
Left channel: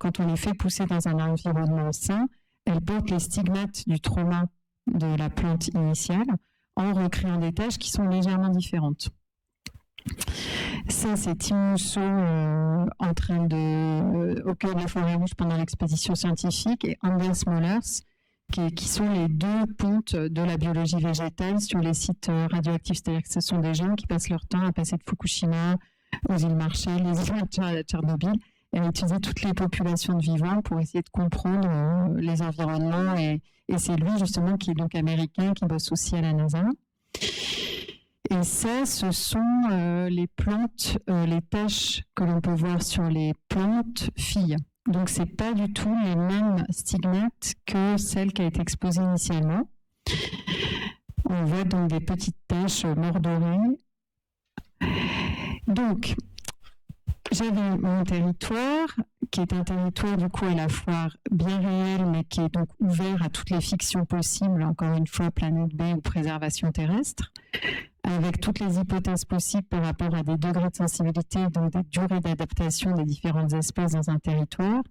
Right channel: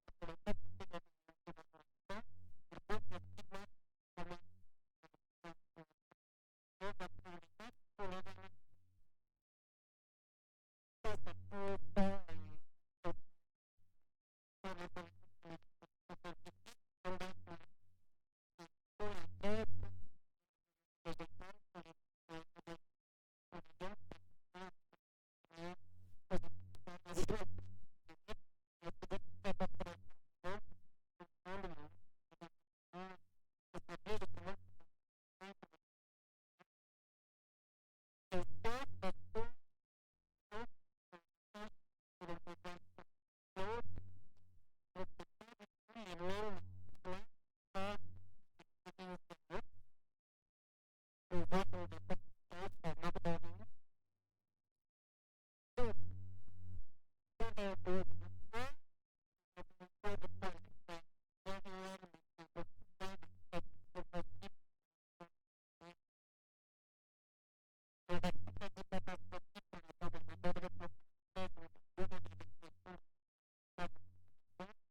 quand on les fait pousser dans un environnement sain, elles portent les stigmates du trauma de la plante initiale en recréant des tâches qui sont légèrement différentes. Ça, c'est Tim Mousseau au cœur de la forêt rouge pendant l'expédition scientifique et Anders Mollers, qui sont les 2 pontes de la biologie végétale sur les sites radioactifs. C'est-à-dire que ce sont des gens qui passent leur temps à passer de Fukushima aux îles Marshall, les îles à Tchernobyl, et à étudier toutes les populations de vivants pour essayer de comprendre les environnements. Et c'est lui, justement, qui est donc américain, qui bosse aussi à la NASA. Et ça, ce sont les plantes, les taches que l'on peut voir sur les plantes filles. Donc, ce n'est pas du tout les mêmes stigmates que celle qui a été exposée initialement. On voit donc des petites taches mordorées. Donc, j'avais mon territoire, qui est un territoire du coup à la fois bien réel, mais qui est donc ouvert à toutes les fictions possibles, encore une fois, planète B ou préservation terrestre, avec toutes les hypothèses possibles par rapport à des degrés de sensibilité, donc des durées d'adaptation des différentes espèces dans un territoire,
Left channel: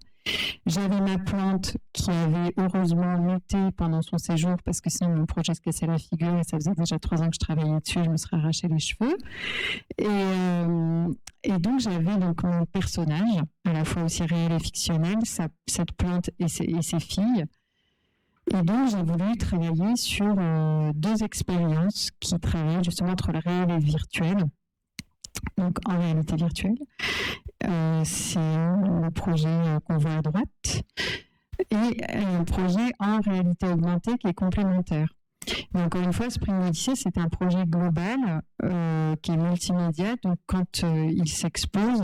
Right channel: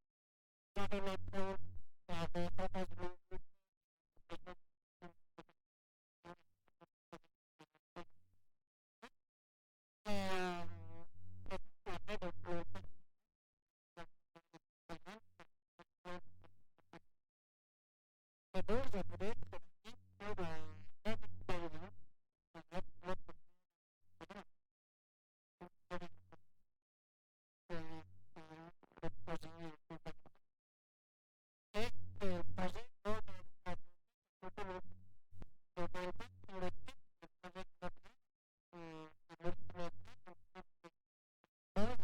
J'avais ma plante qui avait heureusement muté pendant son séjour parce que sinon mon projet se cassait la figure et ça faisait déjà 3 ans que je travaillais dessus et je me serais arraché les cheveux. Et donc j'avais donc mon personnage, à la fois aussi réel et fictionnel, cette plante et ses filles. Et donc j'ai voulu travailler sur 2 expériences qui travaillent justement entre le réel et le virtuel. Donc en réalité virtuelle. C'est le projet qu'on voit à droite et un projet en réalité augmentée qui est complémentaire. Mais encore une fois, Spring Odyssey, c'est un projet global qui est multimédia. Donc quand il s'expose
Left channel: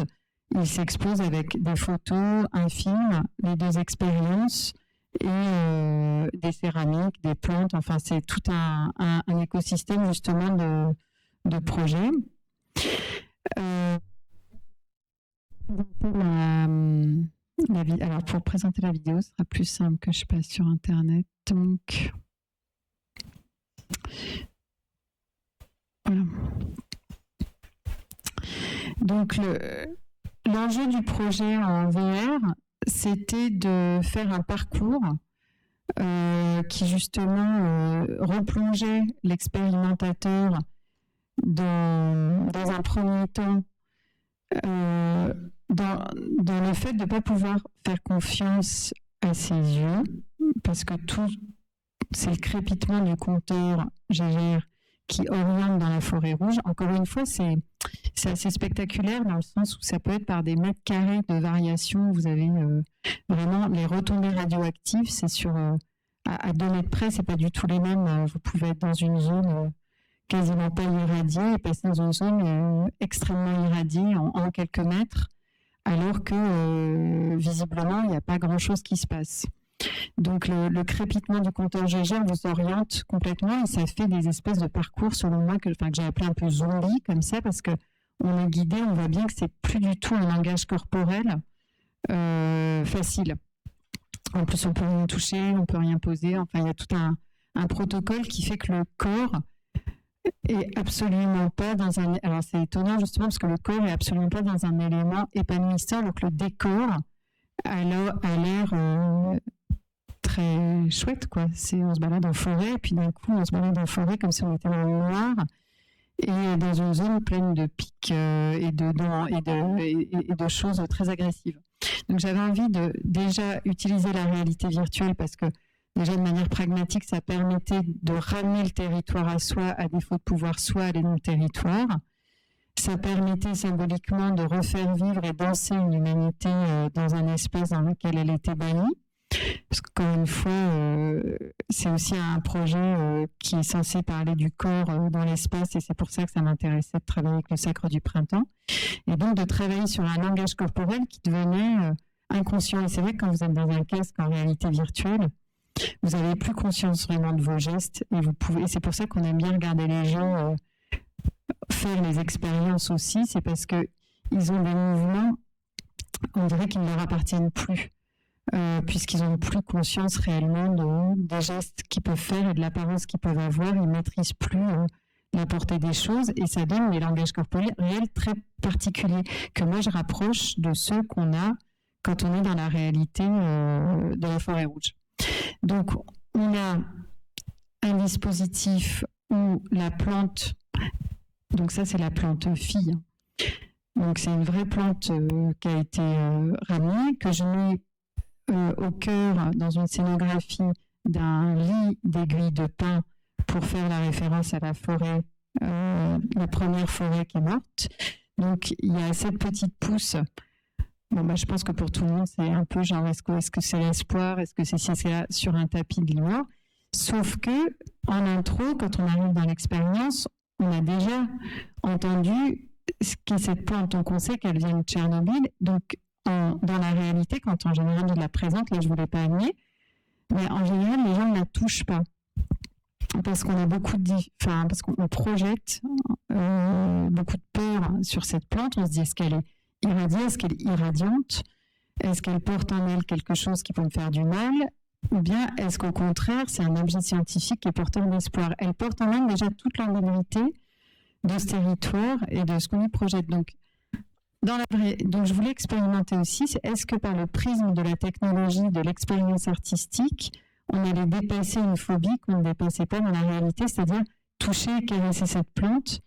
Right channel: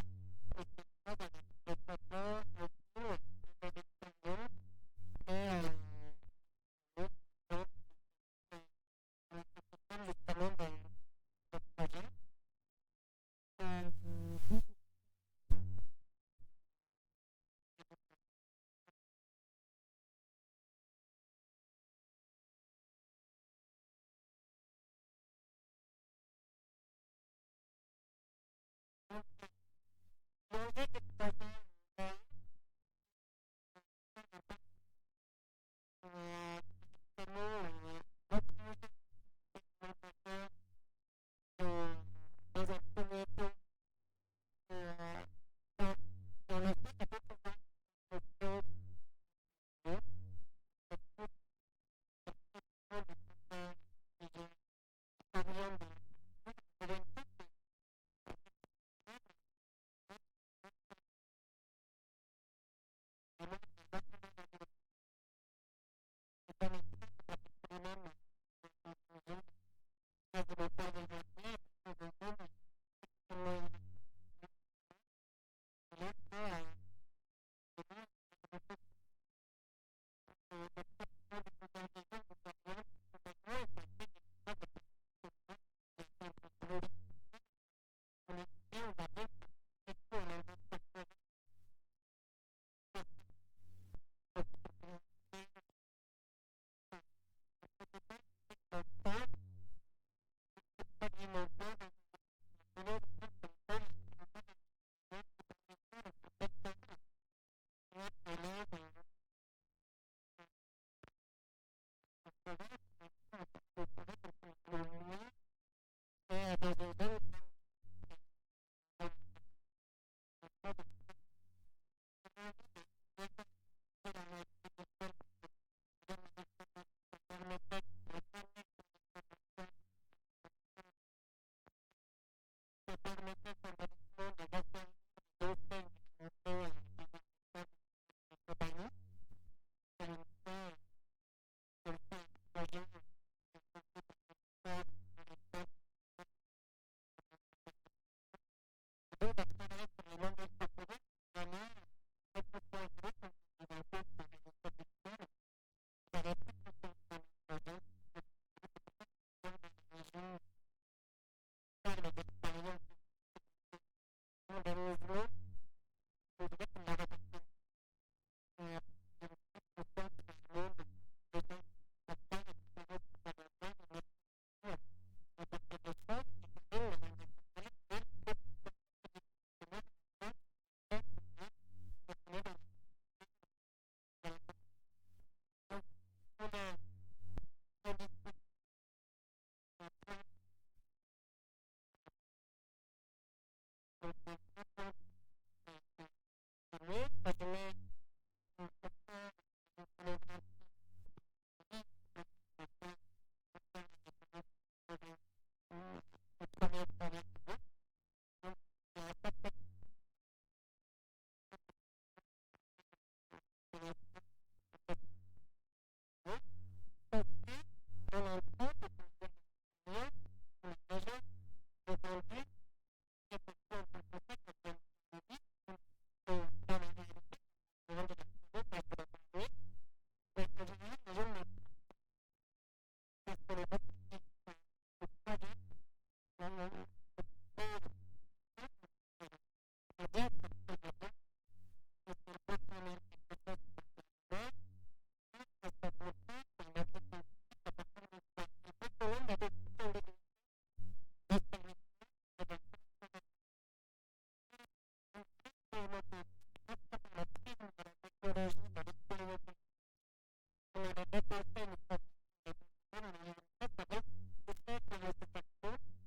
avec des photos, un film, les 2 expériences et des céramiques, des plantes. Enfin, c'est tout un écosystème justement de projets. Alors pour présenter la vidéo, ce sera plus simple que je passe sur Internet. Donc, voilà. Donc l'enjeu du projet en VR, c'était de faire un parcours qui justement replongeait l'expérimentateur dans un premier temps dans le fait de ne pas pouvoir faire confiance à ses yeux, parce que tout, c'est le crépitement du compteur GGR qui oriente dans la forêt rouge. Encore une fois, c'est assez spectaculaire dans le sens où ça peut être par des mètres carrés de variation. Vous avez vraiment les retombées radioactives, c'est sur à 2 mètres près, c'est pas du tout les mêmes. Vous pouvez être dans une zone quasiment pas irradiée et passer dans une zone extrêmement irradiée en quelques mètres, alors que visiblement il n'y a pas grand-chose qui se passe. Donc le crépitement du compteur GGR vous oriente complètement et ça fait des espèces de parcours selon moi que j'ai appelé un peu zombie comme ça, parce que on est guidé, on voit bien que c'est plus du tout un langage corporel facile. En plus on peut rien toucher, on peut rien poser, enfin il y a tout un protocole qui fait que le corps est absolument pas dans un... Alors c'est étonnant justement parce que le corps est absolument pas dans un élément épanouissant, donc le décor a l'air très chouette, quoi. On se balade en forêt et puis d'un coup on se balade en forêt comme si on était dans le noir et dans une zone pleine de pics et de choses très agressives. Donc j'avais envie de déjà utiliser la réalité virtuelle parce que déjà, de manière pragmatique, ça permettait de ramener le territoire à soi, à défaut de pouvoir soi aller dans le territoire. Ça permettait symboliquement de refaire vivre et danser une humanité dans un espace dans lequel elle était bannie. Parce qu'encore une fois, c'est aussi un projet qui est censé parler du corps dans l'espace et c'est pour ça que ça m'intéressait de travailler avec le Sacre du Printemps. Et donc de travailler sur un langage corporel qui devenait inconscient. Et c'est vrai que quand vous êtes dans un casque en réalité virtuelle, vous n'avez plus conscience vraiment de vos gestes et c'est pour ça qu'on aime bien regarder les gens faire les expériences aussi, c'est parce que ils ont des mouvements, on dirait qu'ils ne leur appartiennent plus, puisqu'ils n'ont plus conscience réellement des gestes qu'ils peuvent faire et de l'apparence qu'ils peuvent avoir, ils ne maîtrisent plus la portée des choses et ça donne des langages corporels très particuliers que moi je rapproche de ceux qu'on a quand on est dans la réalité de la forêt rouge. Donc, on a un dispositif où la plante, donc ça c'est la plante fille, donc c'est une vraie plante qui a été ramenée, que je mets au cœur dans une scénographie d'un lit d'aiguilles de pin pour faire la référence à la forêt, la première forêt qui est morte. Donc, il y a cette petite pousse. Je pense que pour tout le monde, c'est un peu genre, est-ce que c'est l'espoir, est-ce que c'est là sur un tapis de l'ivoire. Sauf que, en intro, quand on arrive dans l'expérience, on a déjà entendu ce qu'est cette plante. Donc, on sait qu'elle vient de Tchernobyl. Donc, dans la réalité, quand en général on la présente, là, je ne voulais pas amener, mais en général, les gens ne la touchent pas. Parce qu'on a parce qu'on projette beaucoup de peur sur cette plante. On se dit, est-ce qu'elle est irradiée, est-ce qu'elle est irradiante, est-ce qu'elle porte en elle quelque chose qui peut me faire du mal, ou bien est-ce qu'au contraire c'est un objet scientifique qui est porteur d'espoir. Elle porte en elle déjà toute l'ambiguïté de ce territoire et de ce qu'on y projette. Donc Donc je voulais expérimenter aussi, c'est est-ce que par le prisme de la technologie, de l'expérience artistique, on allait dépasser une phobie qu'on ne dépassait pas dans la réalité, c'est-à-dire toucher et caresser cette plante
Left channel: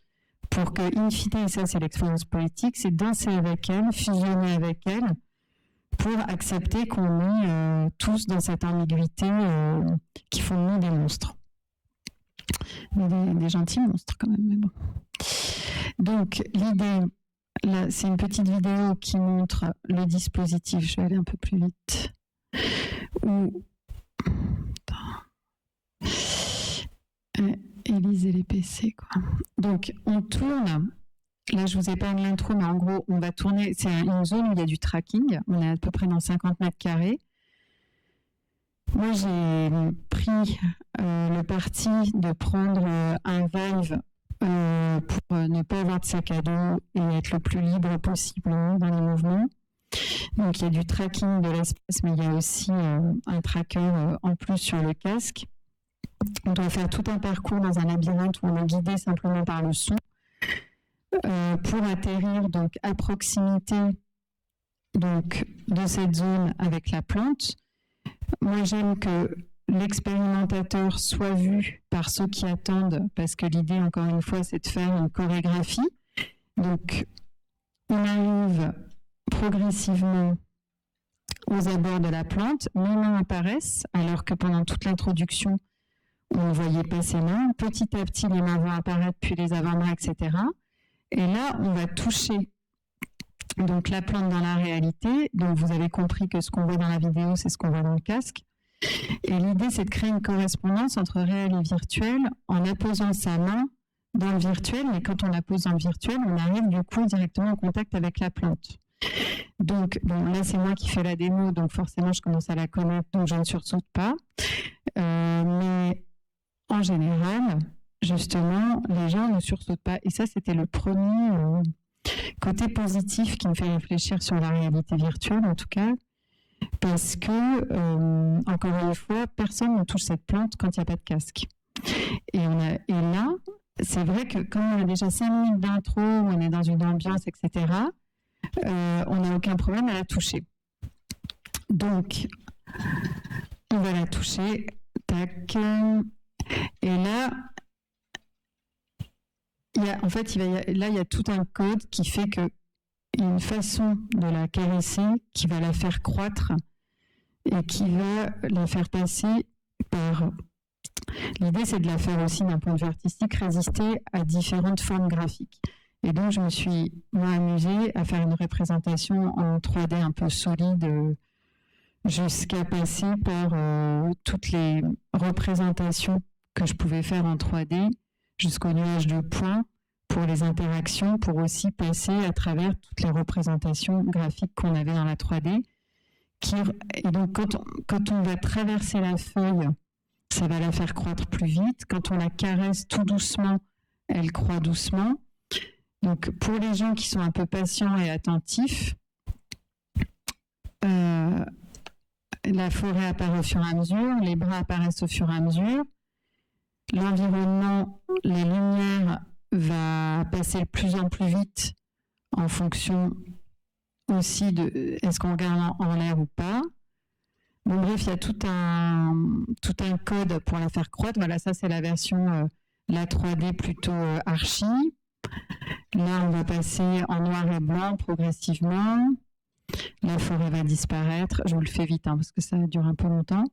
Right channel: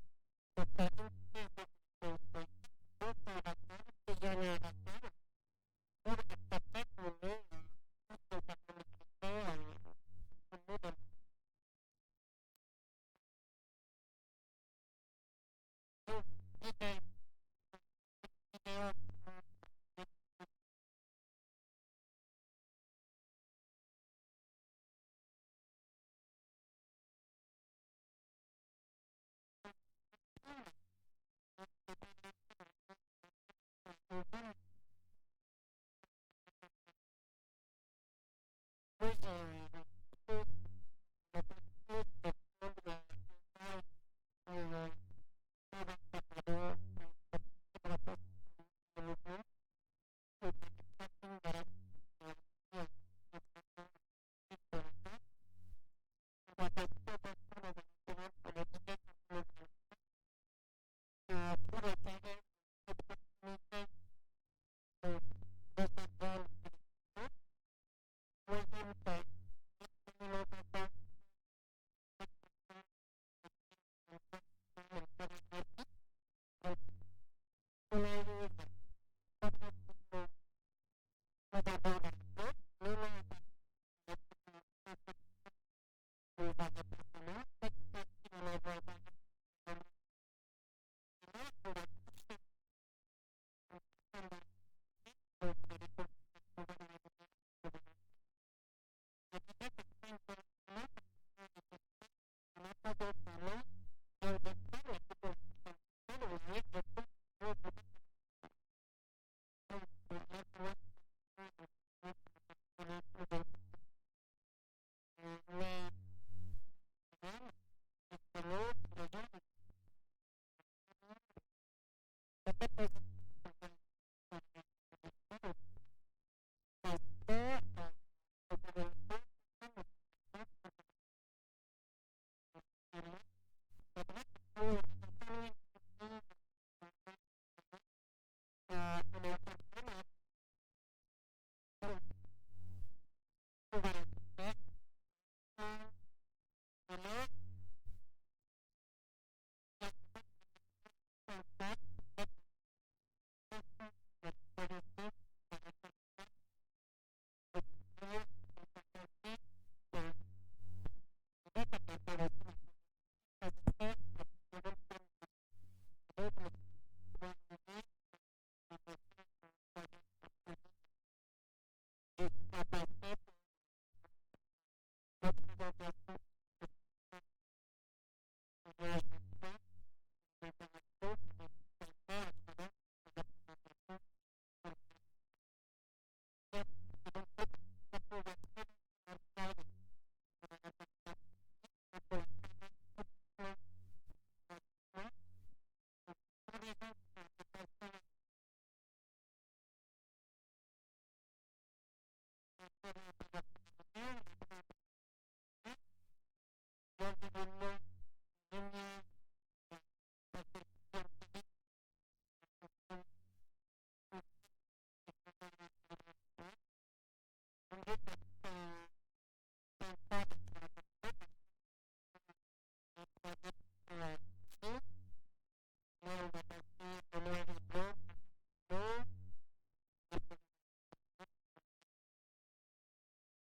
pour que, in fine, et ça c'est l'expérience politique, c'est danser avec elle, fusionner avec elle, pour accepter qu'on est tous dans cette ambiguïté qui font de nous des monstres. Des gentils monstres quand même, mais bon. Donc l'idée, là, c'est une petite vidéo qui montre le dispositif. Je vais aller un peu plus vite. Élise et les PC, quoi. Donc on tourne. Là, je vous épargne l'intro, mais en gros, on va tourner. C'est une zone où il y a du tracking. On est à peu près dans 50 mètres carrés. Moi, j'ai pris le parti de prendre un Vive pour ne pas avoir de sac à dos et être le plus libre possible dans les mouvements. Donc, il y a du tracking de l'espace, mais il y a aussi un tracker en plus sur le casque. On doit faire tout un parcours dans un labyrinthe où on est guidé simplement par le son. Pour atterrir donc à proximité donc de cette zone avec la plante. Moi, j'aime que l'expérimentateur soit vu par ceux qui attendent, parce que l'idée, encore une fois, c'est de faire une chorégraphie. Donc, on arrive progressivement aux abords de la plante, mes mains apparaissent, alors que pendant toute l'introduction, on ne voyait pas ses mains. Petit à petit, les mains vont apparaître, puis les avant-bras, etc. Et là, on va toucher donc la plante dans la réalité. Donc, vous avez compris que ce qu'on voit dans la vidéo, c'est ce qu'on voit dans le casque. Et l'idée, c'est de créer une correspondance entre réel et virtuel en apposant sa main dans le virtuel. Mais quand on la pose dans le virtuel, on arrive du coup directement en contact avec la plante. Donc, bon, là, c'est moi qui fais la démo, donc forcément, je commence à la connaître, donc je ne sursaute pas. Mais en général, justement, les gens ne sursautent pas. Et ça, c'était le premier côté positif qui me fait réfléchir sur la réalité virtuelle, en tout cas, parce que, encore une fois, personne ne touche cette plante quand il n'y a pas de casque. Et là, c'est vrai que quand on a déjà 5 minutes d'intro, on est dans une ambiance, etc., on n'a aucun problème à la toucher. Donc, on va la toucher. Tac. Et là, il y a tout un code qui fait qu'il y a une façon de la caresser qui va la faire croître et qui va la faire passer par... L'idée, c'est de la faire aussi, d'un point de vue artistique, résister à différentes formes graphiques. Et donc, je me suis, moi, amusée à faire une représentation en 3D un peu solide jusqu'à passer par toutes les représentations que je pouvais faire en 3D jusqu'au nuage de points pour les interactions, pour aussi passer à travers toutes les représentations graphiques qu'on avait dans la 3D. Et donc, quand on va traverser la feuille, ça va la faire croître plus vite. Quand on la caresse tout doucement, elle croît doucement. Donc, pour les gens qui sont un peu patients et attentifs, la forêt apparaît au fur et à mesure, les bras apparaissent au fur et à mesure. L'environnement, les lumières va passer de plus en plus vite en fonction aussi de est-ce qu'on regarde en l'air ou pas. Bon, bref, il y a tout un code pour la faire croître. Voilà, ça c'est la version la 3D plutôt archi. Là, on va passer en noir et blanc progressivement. La forêt va disparaître. Je vous le fais vite parce que ça dure un peu longtemps.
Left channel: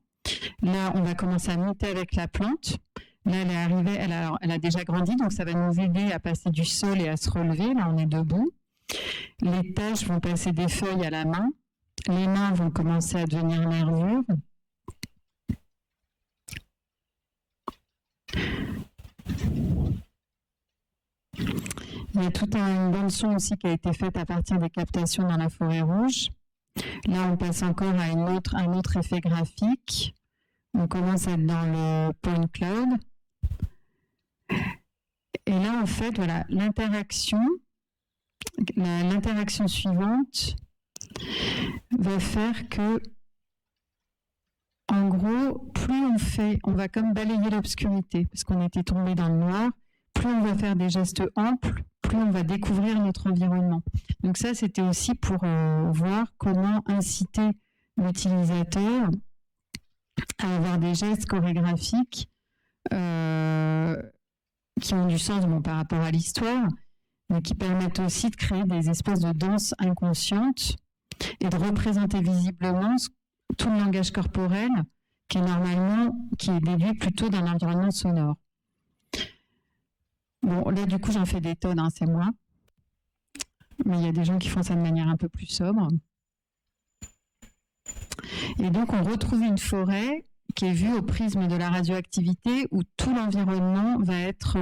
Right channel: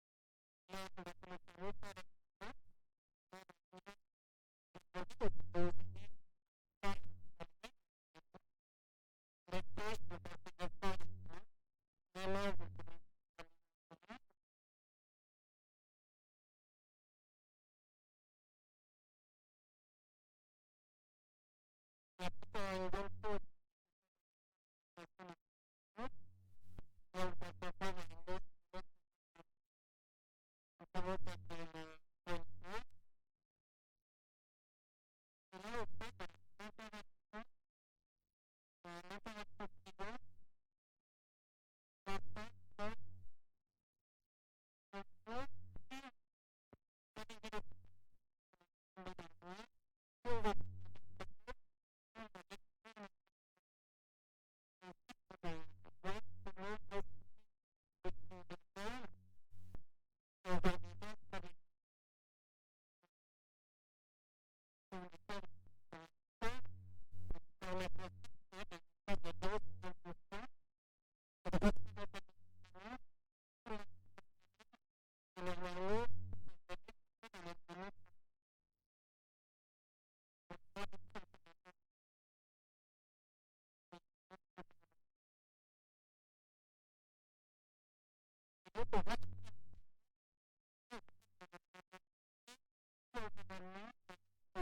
Là, on va commencer à monter avec la plante. Là, elle est arrivée, elle a déjà grandi, donc ça va nous aider à passer du sol et à se relever. Là, on est debout. Les taches vont passer des feuilles à la main. Les mains vont commencer à devenir nervures. Il y a toute une bande son aussi qui a été faite à partir des captations dans la forêt rouge. Là, on passe encore à un autre effet graphique. On commence à être dans le point cloud. Et là, en fait, voilà, l'interaction suivante va faire que, en gros, plus on va comme balayer l'obscurité, parce qu'on était tombé dans le noir, plus on va faire des gestes amples, plus plus on va découvrir notre environnement. Donc ça, c'était aussi pour voir comment inciter l'utilisateur à avoir des gestes chorégraphiques qui ont du sens par rapport à l'histoire, mais qui permettent aussi de créer des espèces de danses inconscientes et de représenter visiblement tout le langage corporel qui est déduit plutôt d'un environnement sonore. Bon, là, du coup, j'en fais des tonnes, c'est moi. Mais il y a des gens qui font ça de manière un peu plus sobre. Et donc, on retrouve une forêt qui est vue au prisme de la radioactivité, où tout l'environnement va être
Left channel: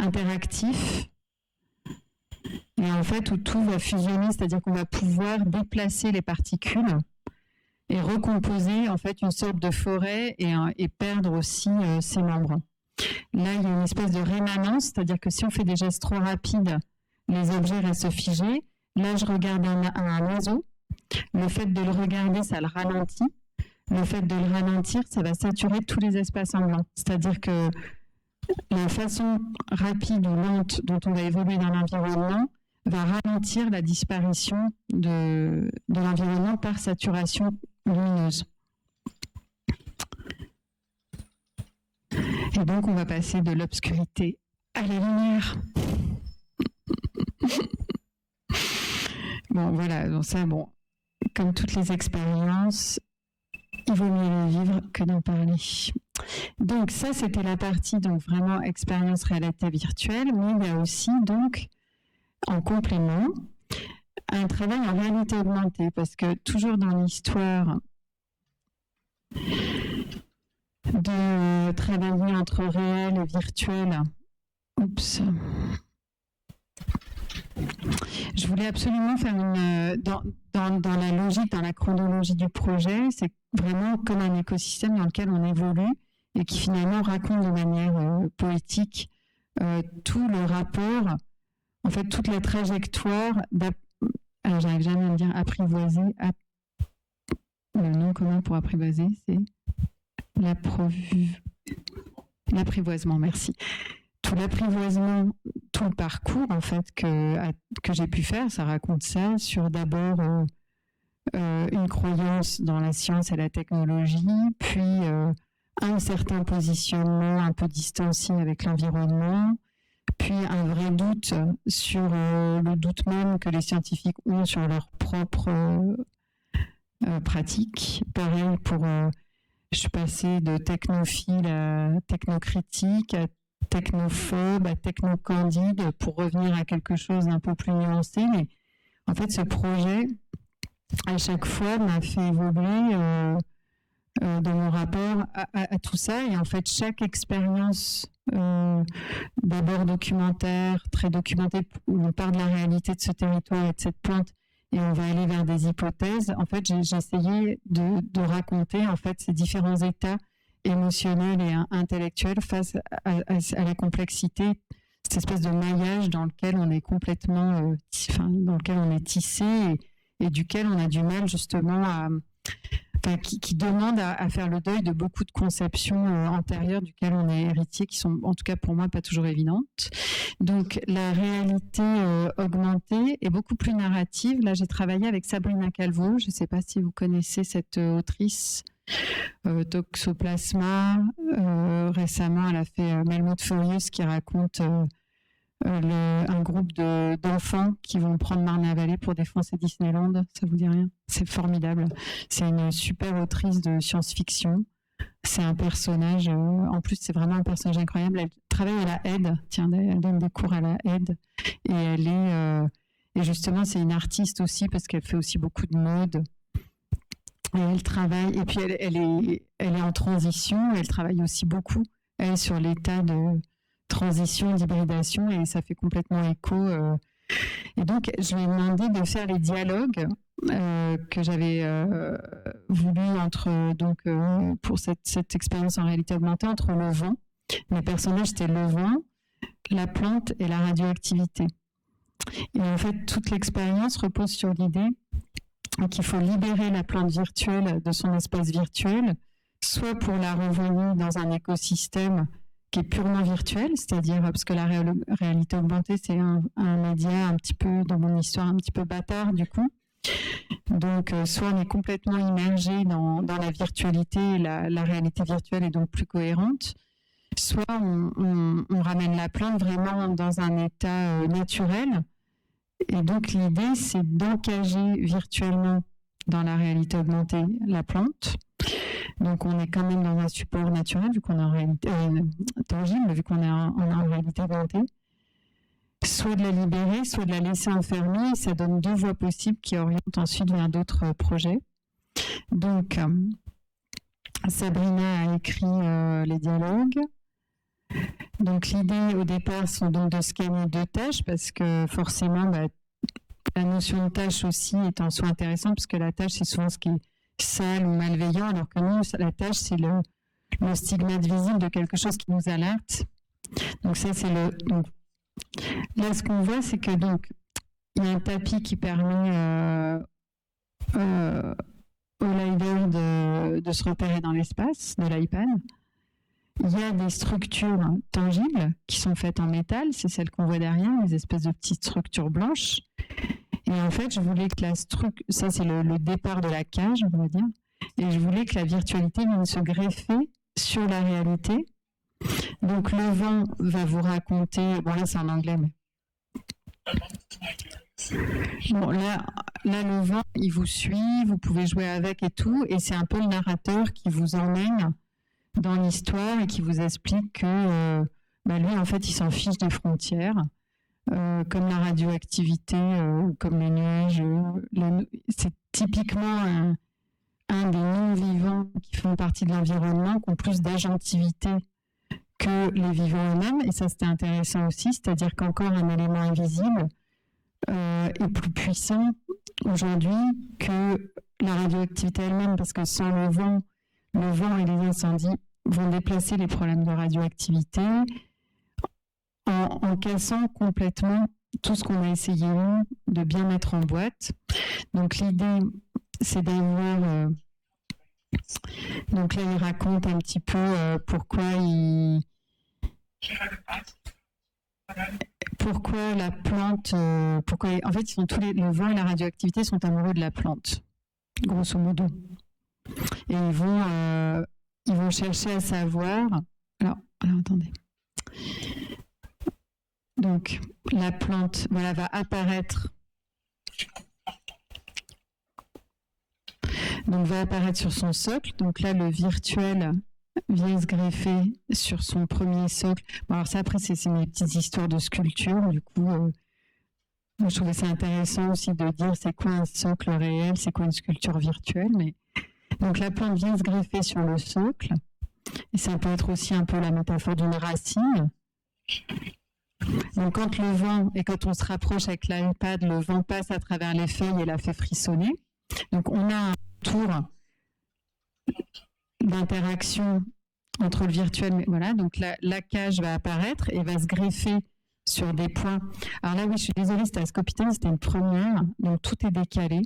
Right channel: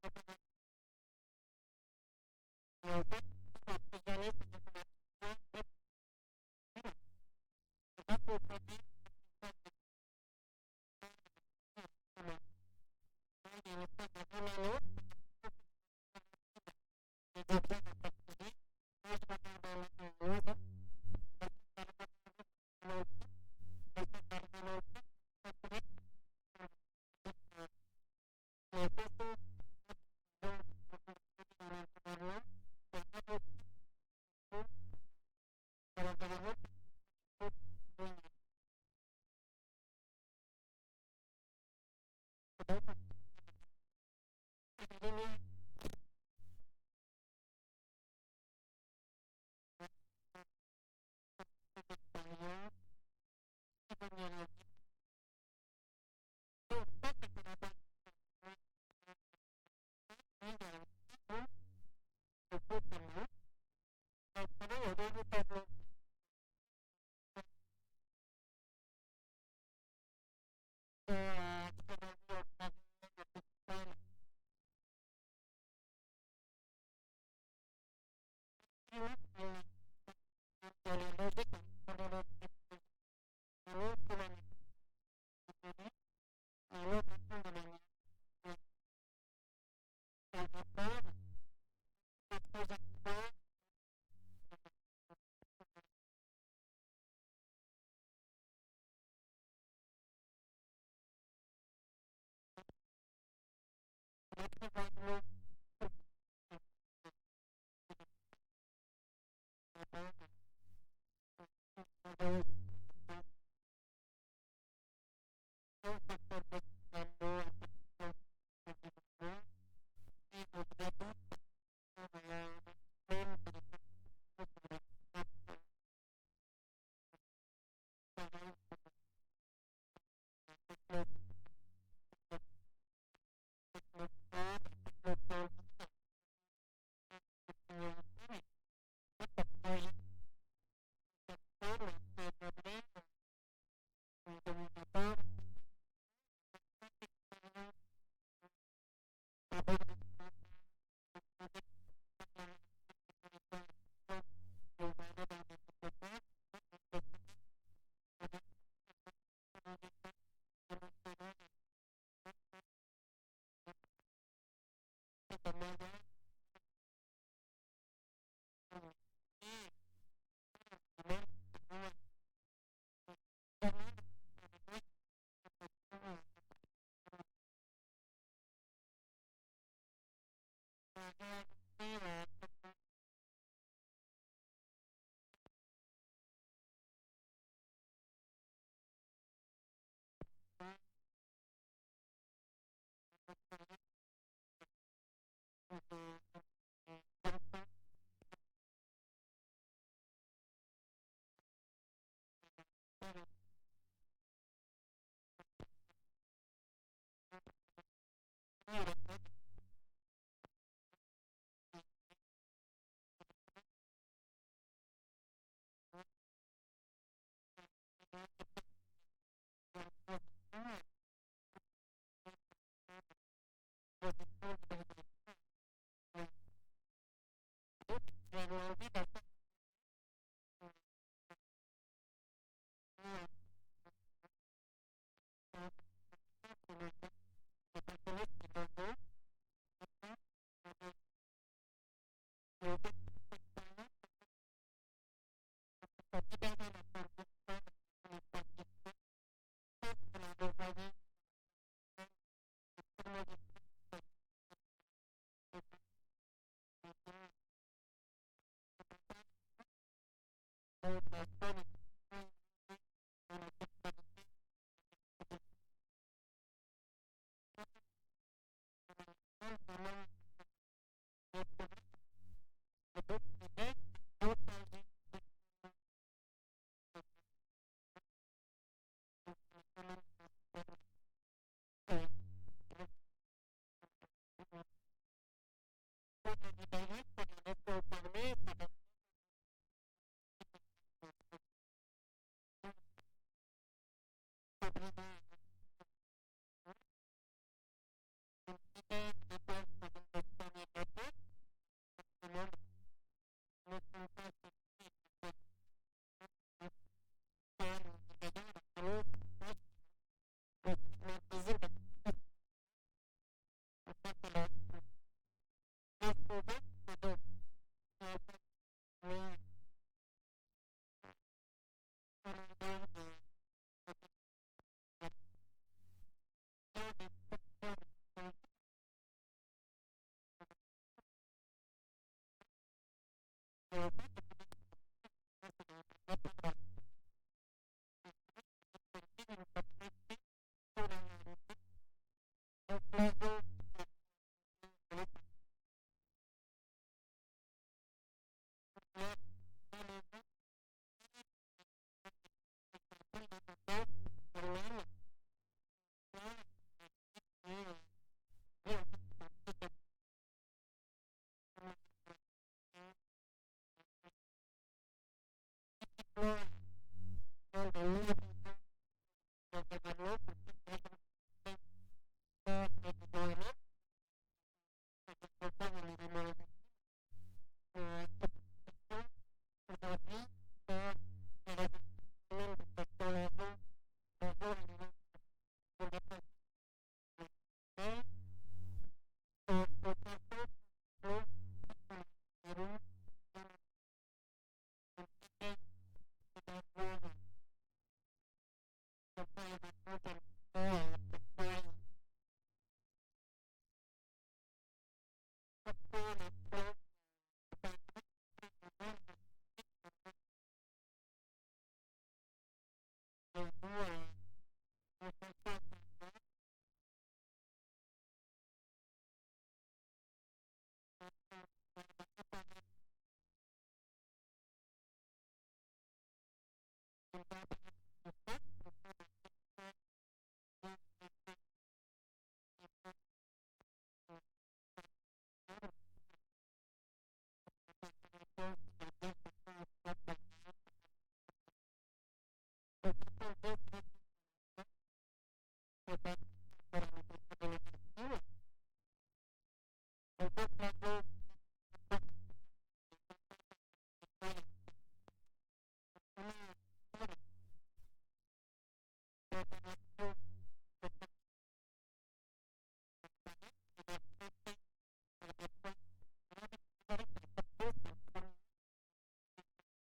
interactif. Et en fait, où tout va fusionner, c'est-à-dire qu'on va pouvoir déplacer les particules et recomposer en fait une sorte de forêt et perdre aussi ses membres. Là, il y a une espèce de rémanence, c'est-à-dire que si on fait des gestes trop rapides, les objets restent figés. Là, je regarde un oiseau. Le fait de le regarder, ça le ralentit. Le fait de le ralentir, ça va saturer tous les espaces en blanc. C'est-à-dire que la façon rapide ou lente dont on va évoluer dans l'environnement va ralentir la disparition de l'environnement par saturation lumineuse. Et donc, on va passer de l'obscurité à la lumière. Bon, voilà, donc ça, comme toutes les expériences, il vaut mieux le vivre que d'en parler. Donc, ça, c'était la partie, donc, vraiment expérience réalité virtuelle, mais il y a aussi, donc, en complément, un travail en réalité augmentée, parce que toujours dans l'histoire de travailler entre réel et virtuel, je voulais absolument faire dans la logique, dans la chronologie du projet, c'est vraiment comme un écosystème dans lequel on évolue et qui finalement raconte de manière poétique tout le rapport, en fait toute la trajectoire alors j'arrive jamais à me dire apprivoiser, le nom commun pour apprivoiser, c'est l'apprivoisement, merci. Tout l'apprivoisement, tout le parcours en fait que j'ai pu faire, ça raconte ça sur d'abord une croyance dans la science et la technologie, puis un certain positionnement un peu distancié avec l'environnement, puis un vrai doute sur le doute même que les scientifiques ont sur leur propre pratique. Pareil je suis passée de technophile à technocritique, à technophobe, à technocandide, pour revenir à quelque chose d'un peu plus nuancé. Mais en fait, ce projet, à chaque fois, m'a fait évoluer dans mon rapport à tout ça. Et en fait, chaque expérience, d'abord documentaire, très documentée, où on parle de la réalité de ce territoire et de cette plante, et on va aller vers des hypothèses. En fait, j'ai essayé de raconter en fait ces différents états émotionnels et intellectuels face à la complexité, cette espèce de maillage dans lequel on est complètement, dans lequel on est tissé et duquel on a du mal justement qui demande à faire le deuil de beaucoup de conceptions antérieures duquel on est héritier, qui sont en tout cas pour moi pas toujours évidentes. Donc la réalité augmentée est beaucoup plus narrative. Là j'ai travaillé avec Sabrina Calvo, je ne sais pas si vous connaissez cette autrice, Toxoplasma. Récemment elle a fait Melmoth Furious qui raconte un groupe d'enfants qui vont prendre Marne-la-Vallée pour défoncer Disneyland. Ça vous dit rien? C'est formidable. C'est une super autrice de science-fiction. C'est un personnage, en plus c'est vraiment un personnage incroyable. Elle travaille à la aide, elle donne des cours à la aide. Et elle est, et justement c'est une artiste aussi parce qu'elle fait aussi beaucoup de mode. Et elle travaille, et puis elle est en transition, elle travaille aussi beaucoup, elle, sur l'état de transition, d'hybridation, et ça fait complètement écho. Et donc, je lui ai demandé de faire les dialogues que j'avais voulu pour cette expérience en réalité augmentée entre le vent. Mes personnages, c'était le vent, la plante et la radioactivité. Et en fait, toute l'expérience repose sur l'idée qu'il faut libérer la plante virtuelle de son espace virtuel, soit pour la renvoyer dans un écosystème qui est purement virtuel, c'est-à-dire parce que la réalité augmentée, c'est un média un petit peu, dans mon histoire, un petit peu bâtard du coup. Donc, soit on est complètement immergé dans la virtualité, et la réalité virtuelle est donc plus cohérente, soit on ramène la plante vraiment dans un état naturel. Et donc, l'idée, c'est d'encager virtuellement dans la réalité augmentée la plante. Donc, on est quand même dans un support naturel, vu qu'on est en réalité tangible, vu qu'on est en réalité augmentée. Soit de la libérer, soit de la laisser enfermer. Ça donne deux voies possibles qui orientent ensuite vers d'autres projets. Donc, Sabrina a écrit les dialogues. Donc, l'idée au départ, c'est donc de scanner deux tâches parce que forcément, la notion de tâche aussi est en soi intéressante parce que la tâche, c'est souvent ce qui est sale ou malveillant, alors que nous, la tâche, c'est le stigmate visible de quelque chose qui nous alerte. Donc, ça, c'est donc, là, ce qu'on voit, c'est que donc il y a un tapis qui permet au LiDAR de se repérer dans l'espace de l'iPad. Il y a des structures tangibles qui sont faites en métal, c'est celles qu'on voit derrière, des espèces de petites structures blanches. Et en fait, je voulais que ça c'est le départ de la cage, on va dire, et je voulais que la virtualité vienne se greffer sur la réalité. Donc le vent va vous raconter, bon là c'est en anglais, mais bon là le vent il vous suit, vous pouvez jouer avec et tout, et c'est un peu le narrateur qui vous emmène dans l'histoire et qui vous explique que lui en fait il s'en fiche des frontières, comme la radioactivité, comme les nuages, c'est typiquement un des non-vivants qui font partie de l'environnement, qui ont plus d'agentivité que les vivants eux-mêmes, et ça c'était intéressant aussi, c'est-à-dire qu'encore un élément invisible est plus puissant aujourd'hui que la radioactivité elle-même, parce que sans le vent et les incendies vont déplacer les problèmes de radioactivité en cassant complètement tout ce qu'on a essayé nous de bien mettre en boîte. Donc l'idée c'est d'avoir donc là il raconte un petit peu pourquoi la plante, en fait, le vent et la radioactivité sont amoureux de la plante, grosso modo. Et ils vont chercher à savoir. Alors attendez. Donc, la plante, va apparaître. Donc, va apparaître sur son socle. Donc là, le virtuel vient se greffer sur son premier socle. Bon, alors ça, après, c'est mes petites histoires de sculpture. Du coup, moi, je trouvais ça intéressant aussi de dire c'est quoi un socle réel, c'est quoi une sculpture virtuelle. Mais donc, la plante vient se greffer sur le socle. Et ça peut être aussi un peu la métaphore d'une racine. Donc, quand le vent, et quand on se rapproche avec l'iPad, le vent passe à travers les feuilles et la fait frissonner. Donc, on a un tour d'interaction entre le virtuel, mais voilà, donc la cage va apparaître et va se greffer sur des points. Alors là, oui, je suis désolée, c'était à Scopiton, c'était une première, donc tout est décalé.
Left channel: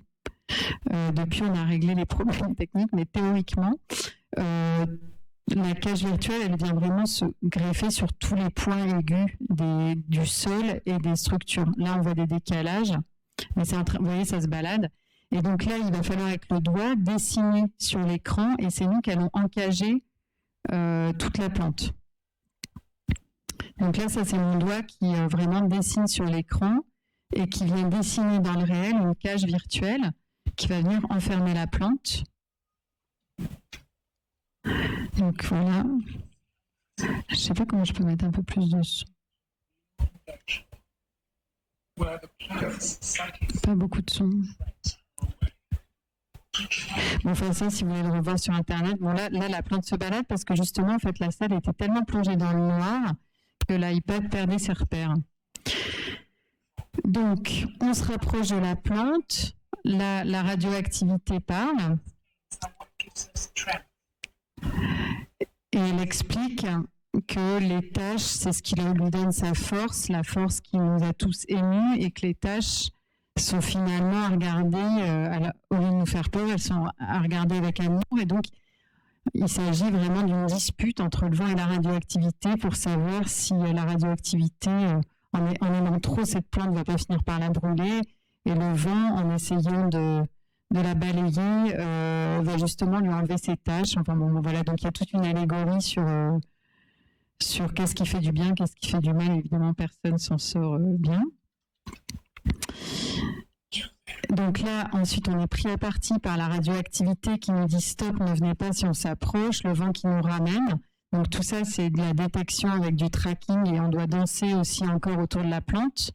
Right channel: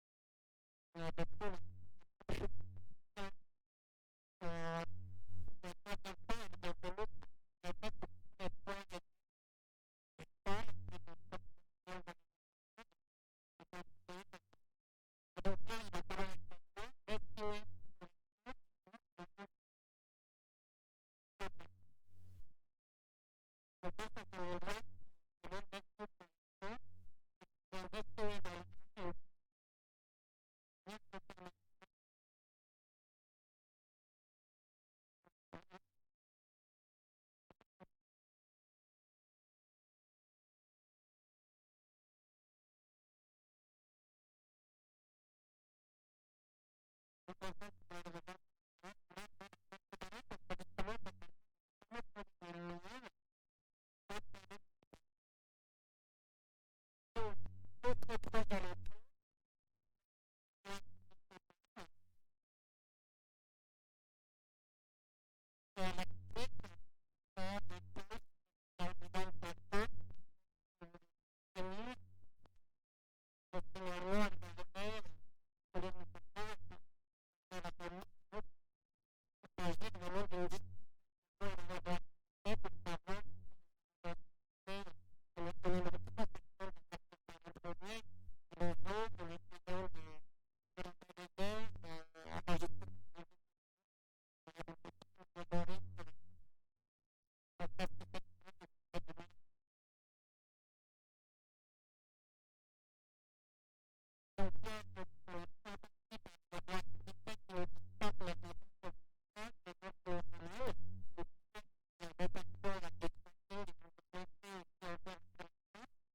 Depuis, on a réglé les problèmes techniques, mais théoriquement, la cage virtuelle, elle vient vraiment se greffer sur tous les points aigus du sol et des structures. Là, on voit des décalages, mais vous voyez, ça se balade. Et donc là, il va falloir avec le doigt dessiner sur l'écran, et c'est nous qui allons encager toute la plante. Donc là, ça c'est mon doigt qui vraiment dessine sur l'écran et qui vient dessiner dans le réel une cage virtuelle qui va venir enfermer la plante. Donc voilà. Je ne sais pas comment je peux mettre un peu plus de son. Pas beaucoup de son. Bon, enfin ça, si vous voulez le revoir sur Internet, bon là la plante se balade parce que justement, en fait, la salle était tellement plongée dans le noir que l'iPad perdait ses repères. Donc, on se rapproche de la plante, la radioactivité parle, et elle explique que les tâches, c'est ce qui lui donne sa force, la force qui nous a tous émus, et que les tâches sont finalement à regarder, au lieu de nous faire peur, elles sont à regarder avec amour. Et donc, Il s'agit vraiment d'une dispute entre le vent et la radioactivité pour savoir si la radioactivité, en aimant trop cette plante, ne va pas finir par la brûler, et le vent, en essayant de la balayer, va justement lui enlever ses tâches. Enfin bon, voilà, donc il y a toute une allégorie sur qu'est-ce qui fait du bien, qu'est-ce qui fait du mal. Évidemment, personne s'en sort bien. Donc là, ensuite, on est pris à partie par la radioactivité qui nous dit stop, ne venez pas si on s'approche, le vent qui nous ramène. Donc tout ça, c'est de la détection avec du tracking et on doit danser aussi encore autour de la plante.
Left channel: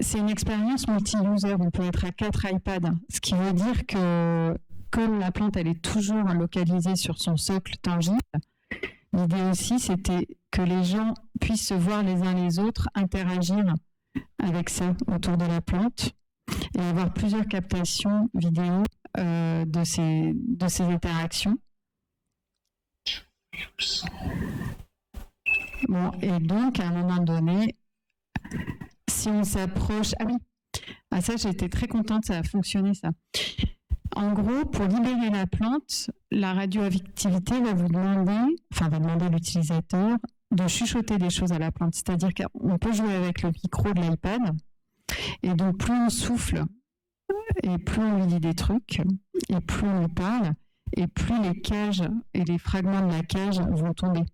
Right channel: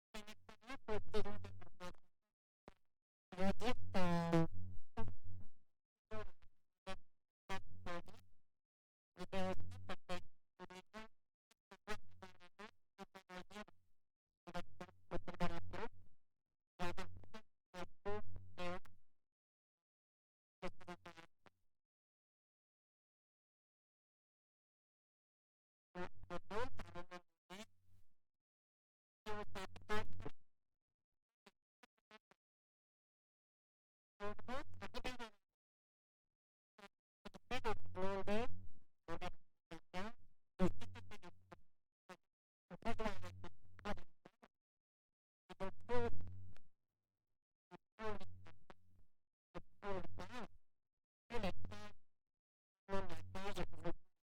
C'est une expérience multi-user, on peut être à 4 iPads, ce qui veut dire que comme la plante, elle est toujours localisée sur son socle tangible, l'idée aussi, c'était que les gens puissent se voir les uns les autres, interagir avec ça autour de la plante et avoir plusieurs captations vidéo de ces interactions. Bon, et donc, à un moment donné, si on s'approche... Ah oui, ça, j'ai été très contente, ça a fonctionné, ça. En gros, pour libérer la plante, la radioactivité va demander l'utilisateur de chuchoter des choses à la plante. C'est-à-dire qu'on peut jouer avec le micro de l'iPad, et donc plus on souffle, et plus on lui dit des trucs, et plus on lui parle, et plus les cages et les fragments de la cage vont tomber.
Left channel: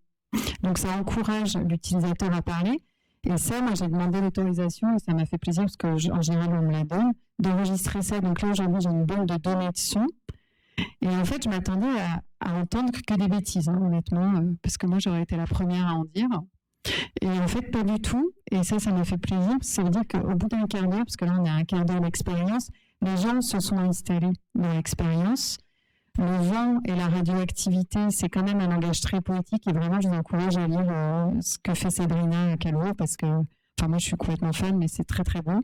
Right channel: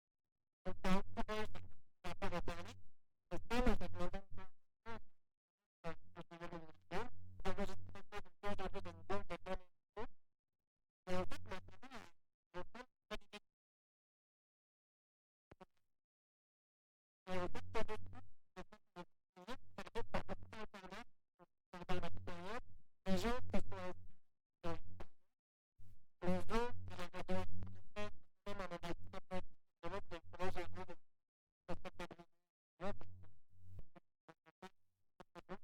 Donc ça encourage l'utilisateur à parler. Et ça, moi, j'ai demandé l'autorisation et ça m'a fait plaisir parce qu'en général, on me la donne, d'enregistrer ça. Donc là, aujourd'hui, j'ai une banque de données de son. Et en fait, je m'attendais à entendre que des bêtises, honnêtement, parce que moi, j'aurais été la première à en dire. Et en fait, pas du tout. Et ça m'a fait plaisir. Ça veut dire qu'au bout d'un quart d'heure, parce que là, on a un quart d'heure d'expérience, les gens se sont installés dans l'expérience. Le vent et la radioactivité, c'est quand même un langage très poétique et vraiment, je vous encourage à lire ce que fait Sabrina Calvo parce que, enfin, moi, je suis complètement fan, mais c'est très, très bon.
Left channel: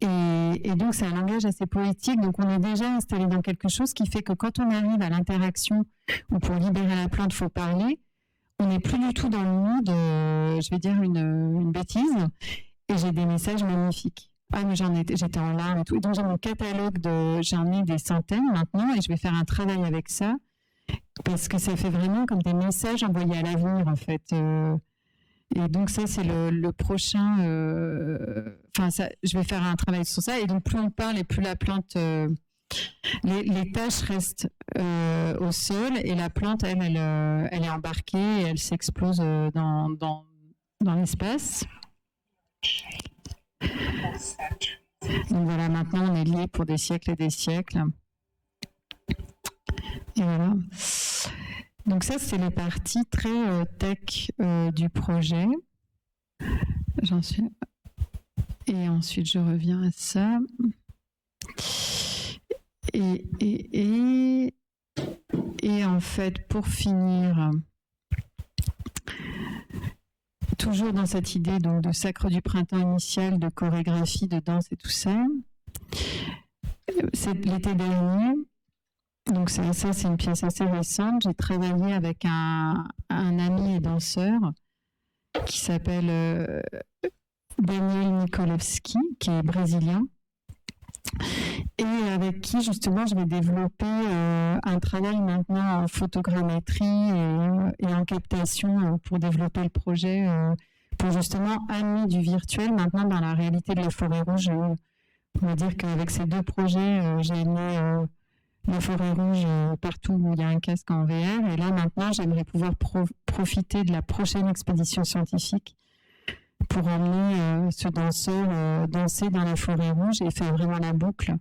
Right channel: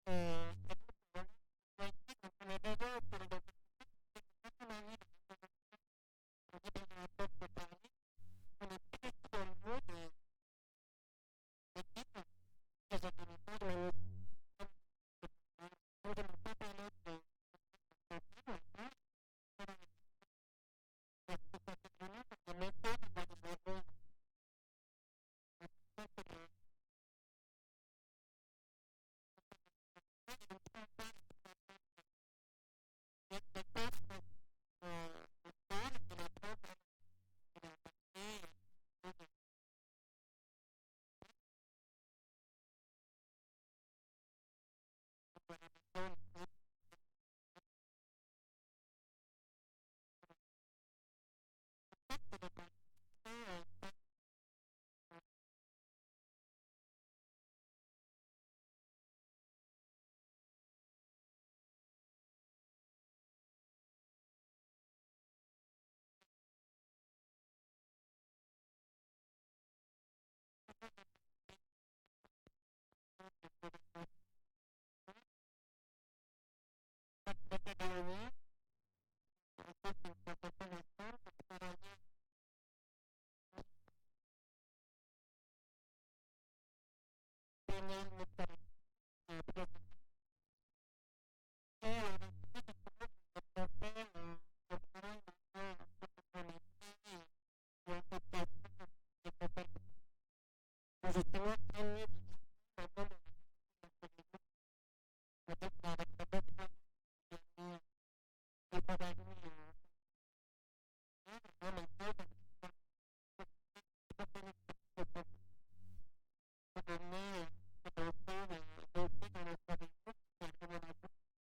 Et donc, c'est un langage assez poétique. Donc, on est déjà installé dans quelque chose qui fait que quand on arrive à l'interaction ou pour libérer la plante, il faut parler, on n'est plus du tout dans le mood, je vais dire une bêtise, et j'ai des messages magnifiques. Ah, mais j'étais en larmes et tout. Et donc, j'ai mon catalogue j'en ai des centaines maintenant et je vais faire un travail avec ça parce que ça fait vraiment comme des messages envoyés à l'avenir, en fait. Et donc, ça, c'est le prochain. Je vais faire un travail sur ça. Et donc, plus on parle et plus la plante. Les tâches restent au sol et la plante, elle est embarquée et elle s'explose dans l'espace. Donc voilà, maintenant on est liés pour des siècles et des siècles. Et voilà. Donc ça, c'est les parties très tech du projet. J'en suis. Et ensuite, je reviens à ça. Et en fait, pour finir, toujours dans cette idée donc, de sacre du printemps initial, de chorégraphie, de danse et tout ça, c'est l'été dernier. Donc c'est une pièce assez récente. J'ai travaillé avec un ami et danseur qui s'appelle Daniel Nikolewski, qui est brésilien, et avec qui justement je vais développer un travail maintenant en photogrammétrie et en captation pour développer le projet, pour justement amener du virtuel maintenant dans la réalité de la forêt rouge. On va dire qu'avec ces deux projets, j'ai amené la forêt rouge partout où il y a un casque en VR, et là maintenant j'aimerais pouvoir profiter de la prochaine expédition scientifique pour emmener ce danseur danser dans la forêt rouge et faire vraiment la boucle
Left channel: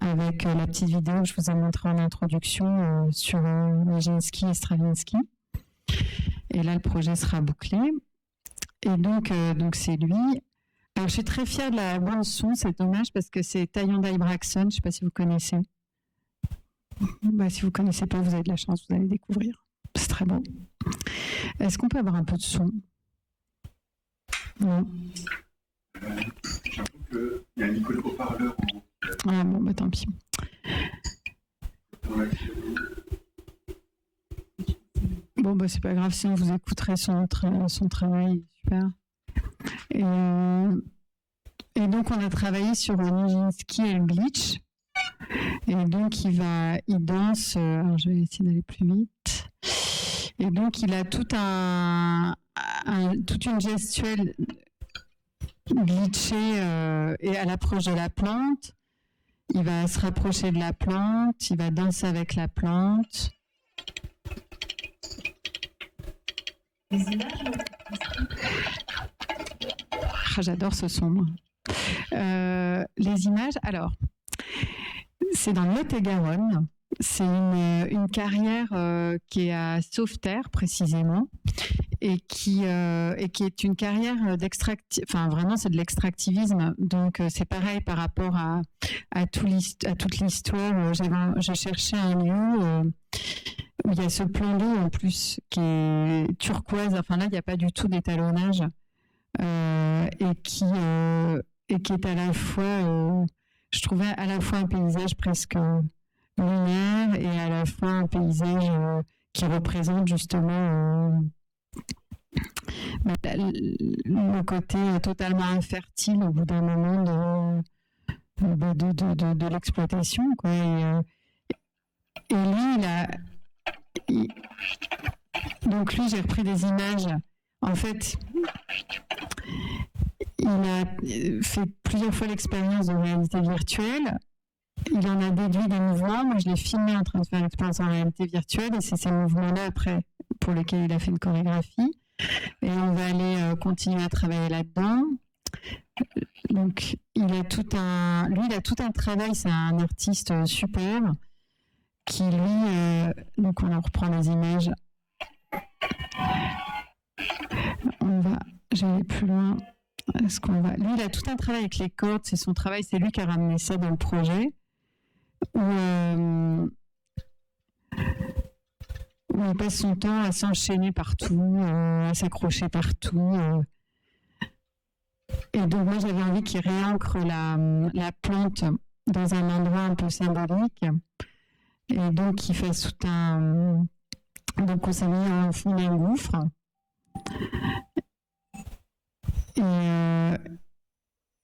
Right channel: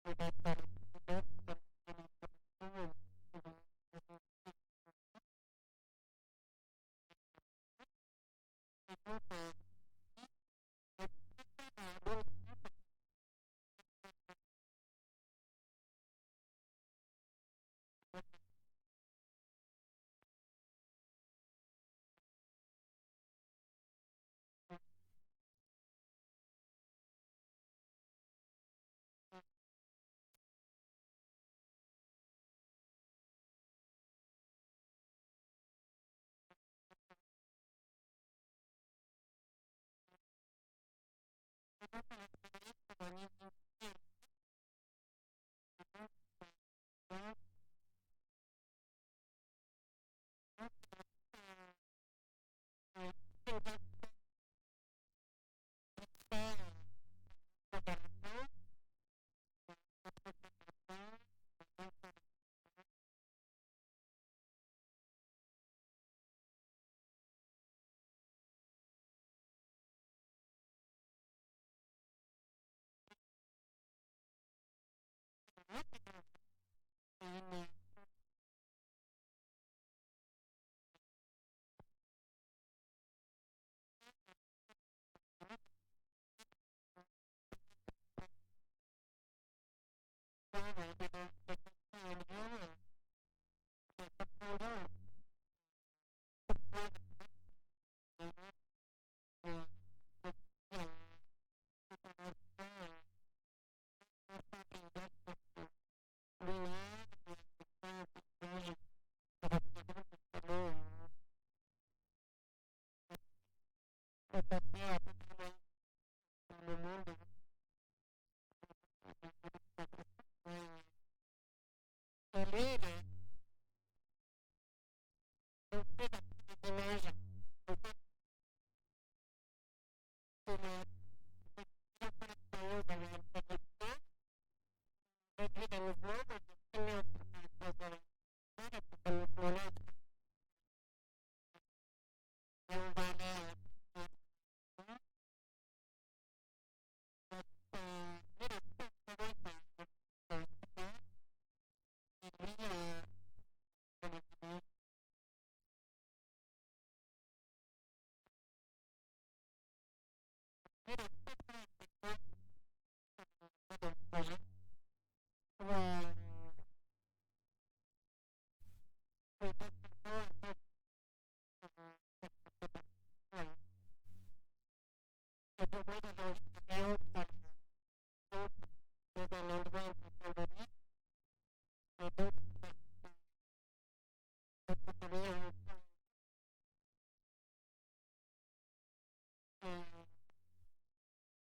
avec la petite vidéo que je vous ai montrée en introduction sur Nijinsky et Stravinsky. Et là, le projet sera bouclé. Et donc c'est lui. Alors, je suis très fière de la bande son, c'est dommage parce que c'est Tayondai Braxton, je ne sais pas si vous connaissez. Si vous ne connaissez pas, vous avez de la chance, vous allez découvrir. C'est très beau. Est-ce qu'on peut avoir un peu de son ? Non. J'avoue qu'il y a un micro de haut-parleur en haut. Ah bon, tant pis. Bon, c'est pas grave, sinon vous écouterez son travail, super. Et donc, on a travaillé sur Nijinsky et le glitch. Et donc, il danse. Alors, je vais essayer d'aller plus vite. Et donc, il a toute une gestuelle glitchée et à l'approche de la plante. Il va se rapprocher de la plante. Il va danser avec la plante. J'adore ce son. Moi. Les images, alors, c'est dans le Lot-et-Garonne. C'est une carrière qui est à Sauveterre, précisément, et qui est une carrière enfin vraiment c'est de l'extractivisme. Donc c'est pareil par rapport à toute l'histoire. Je cherchais un lieu où il y a ce plan d'eau en plus qui est turquoise. Enfin là il n'y a pas du tout d'étalonnage et qui est à la fois, je trouvais à la fois un paysage presque lunaire et à la fois un paysage qui représente justement le côté totalement infertile au bout d'un moment de l'exploitation, quoi. Et lui, donc lui, j'ai repris des images. En fait, il a fait plusieurs fois l'expérience de réalité virtuelle. Il en a déduit des mouvements. Moi, je l'ai filmé en train de faire l'expérience en réalité virtuelle et c'est ces mouvements-là, après, pour lesquels il a fait une chorégraphie. Et on va aller continuer à travailler là-dedans. Donc, il a tout un travail. C'est un artiste super qui, lui... donc, on en reprend les images. Je vais aller plus loin. Lui, il a tout un travail avec les cordes. C'est son travail. C'est lui qui a ramené ça dans le projet. Où il passe son temps à s'enchaîner partout, à s'accrocher partout. Et donc moi j'avais envie qu'il réancre la plante dans un endroit un peu symbolique. Et donc qu'il fasse tout un... Donc on s'est mis au fond d'un gouffre. Et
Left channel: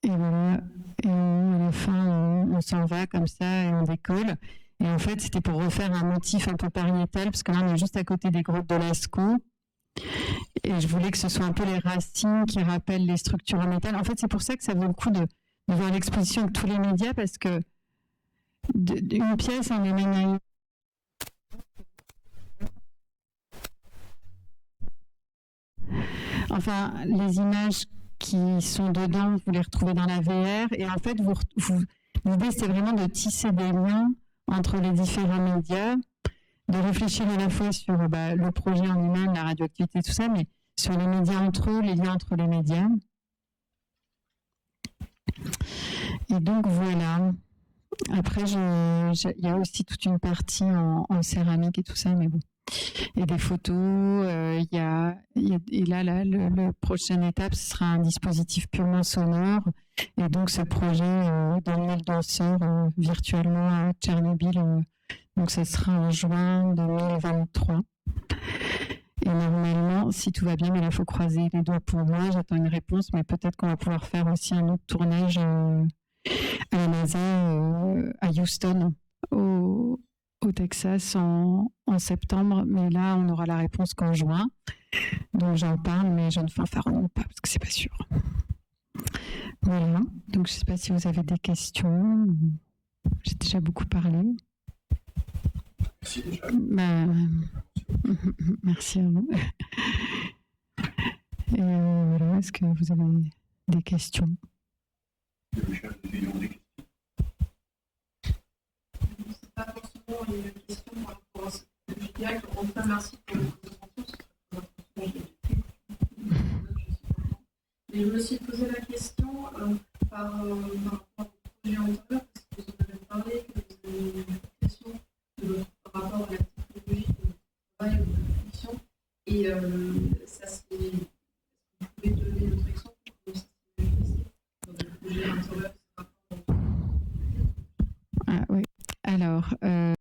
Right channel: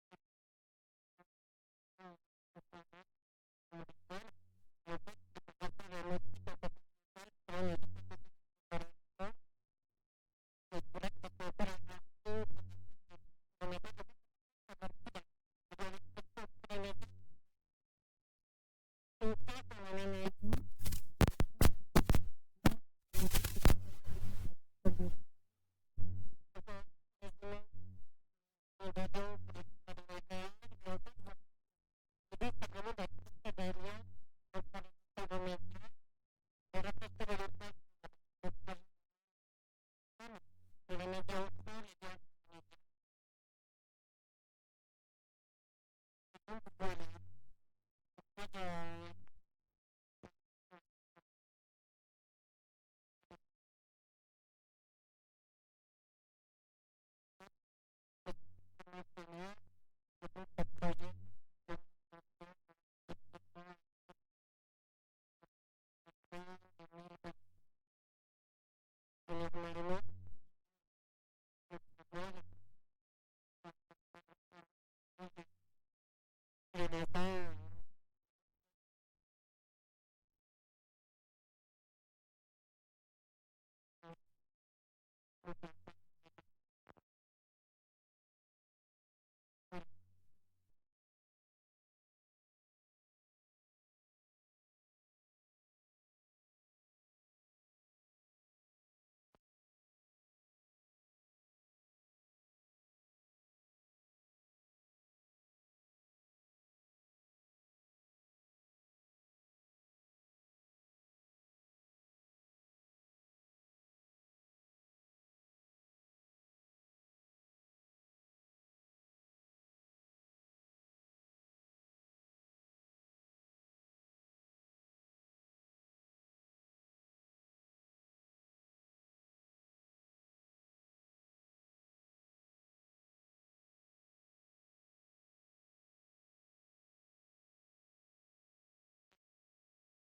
voilà. Et à la fin, on s'en va comme ça et on décolle. Et en fait, c'était pour refaire un motif un peu pariétal, parce que là, on est juste à côté des grottes de Lascaux. Et je voulais que ce soit un peu les racines qui rappellent les structures en métal. En fait, c'est pour ça que ça vaut le coup de voir l'exposition avec tous les médias, parce que une pièce en amène à une. Enfin, les images qui sont dedans, vous les retrouvez dans la VR. Et en fait, l'idée, c'est vraiment de tisser des liens entre les différents médias, de réfléchir à la fois sur le projet en lui-même, la radioactivité, tout ça, mais sur les médias entre eux, les liens entre les médias. Et donc, voilà. Après, il y a aussi toute une partie en céramique et tout ça, mais bon. Et des photos, et là, la prochaine étape, ce sera un dispositif purement sonore. Et donc, ce projet d'emmener le danseur virtuellement à Tchernobyl, donc ce sera en juin 2023. Et normalement, si tout va bien, mais là, il faut croiser les doigts pour moi. J'attends une réponse, mais peut-être qu'on va pouvoir faire aussi un autre tournage à la NASA, à Houston, au Texas en septembre, mais là, on aura la réponse qu'en juin. Donc, j'en parle, mais je ne fanfaronne pas parce que c'est pas sûr. Voilà. Donc, je ne sais pas si vous avez des questions. J'ai déjà beaucoup parlé. Merci déjà. Merci à vous. Et voilà, est-ce que vous avez des questions? Pas forcément une question par rapport à ce que je dirais. En tout cas, merci pour votre attention. Et je me suis posé la question par rapport au projet antérieur, parce que vous en avez parlé, que vous avez une question par rapport à la technologie de travail ou de fiction. Et ça, c'est. Vous pouvez donner notre exemple pour que ça s'est manifesté dans le projet antérieur? Ah oui. Alors,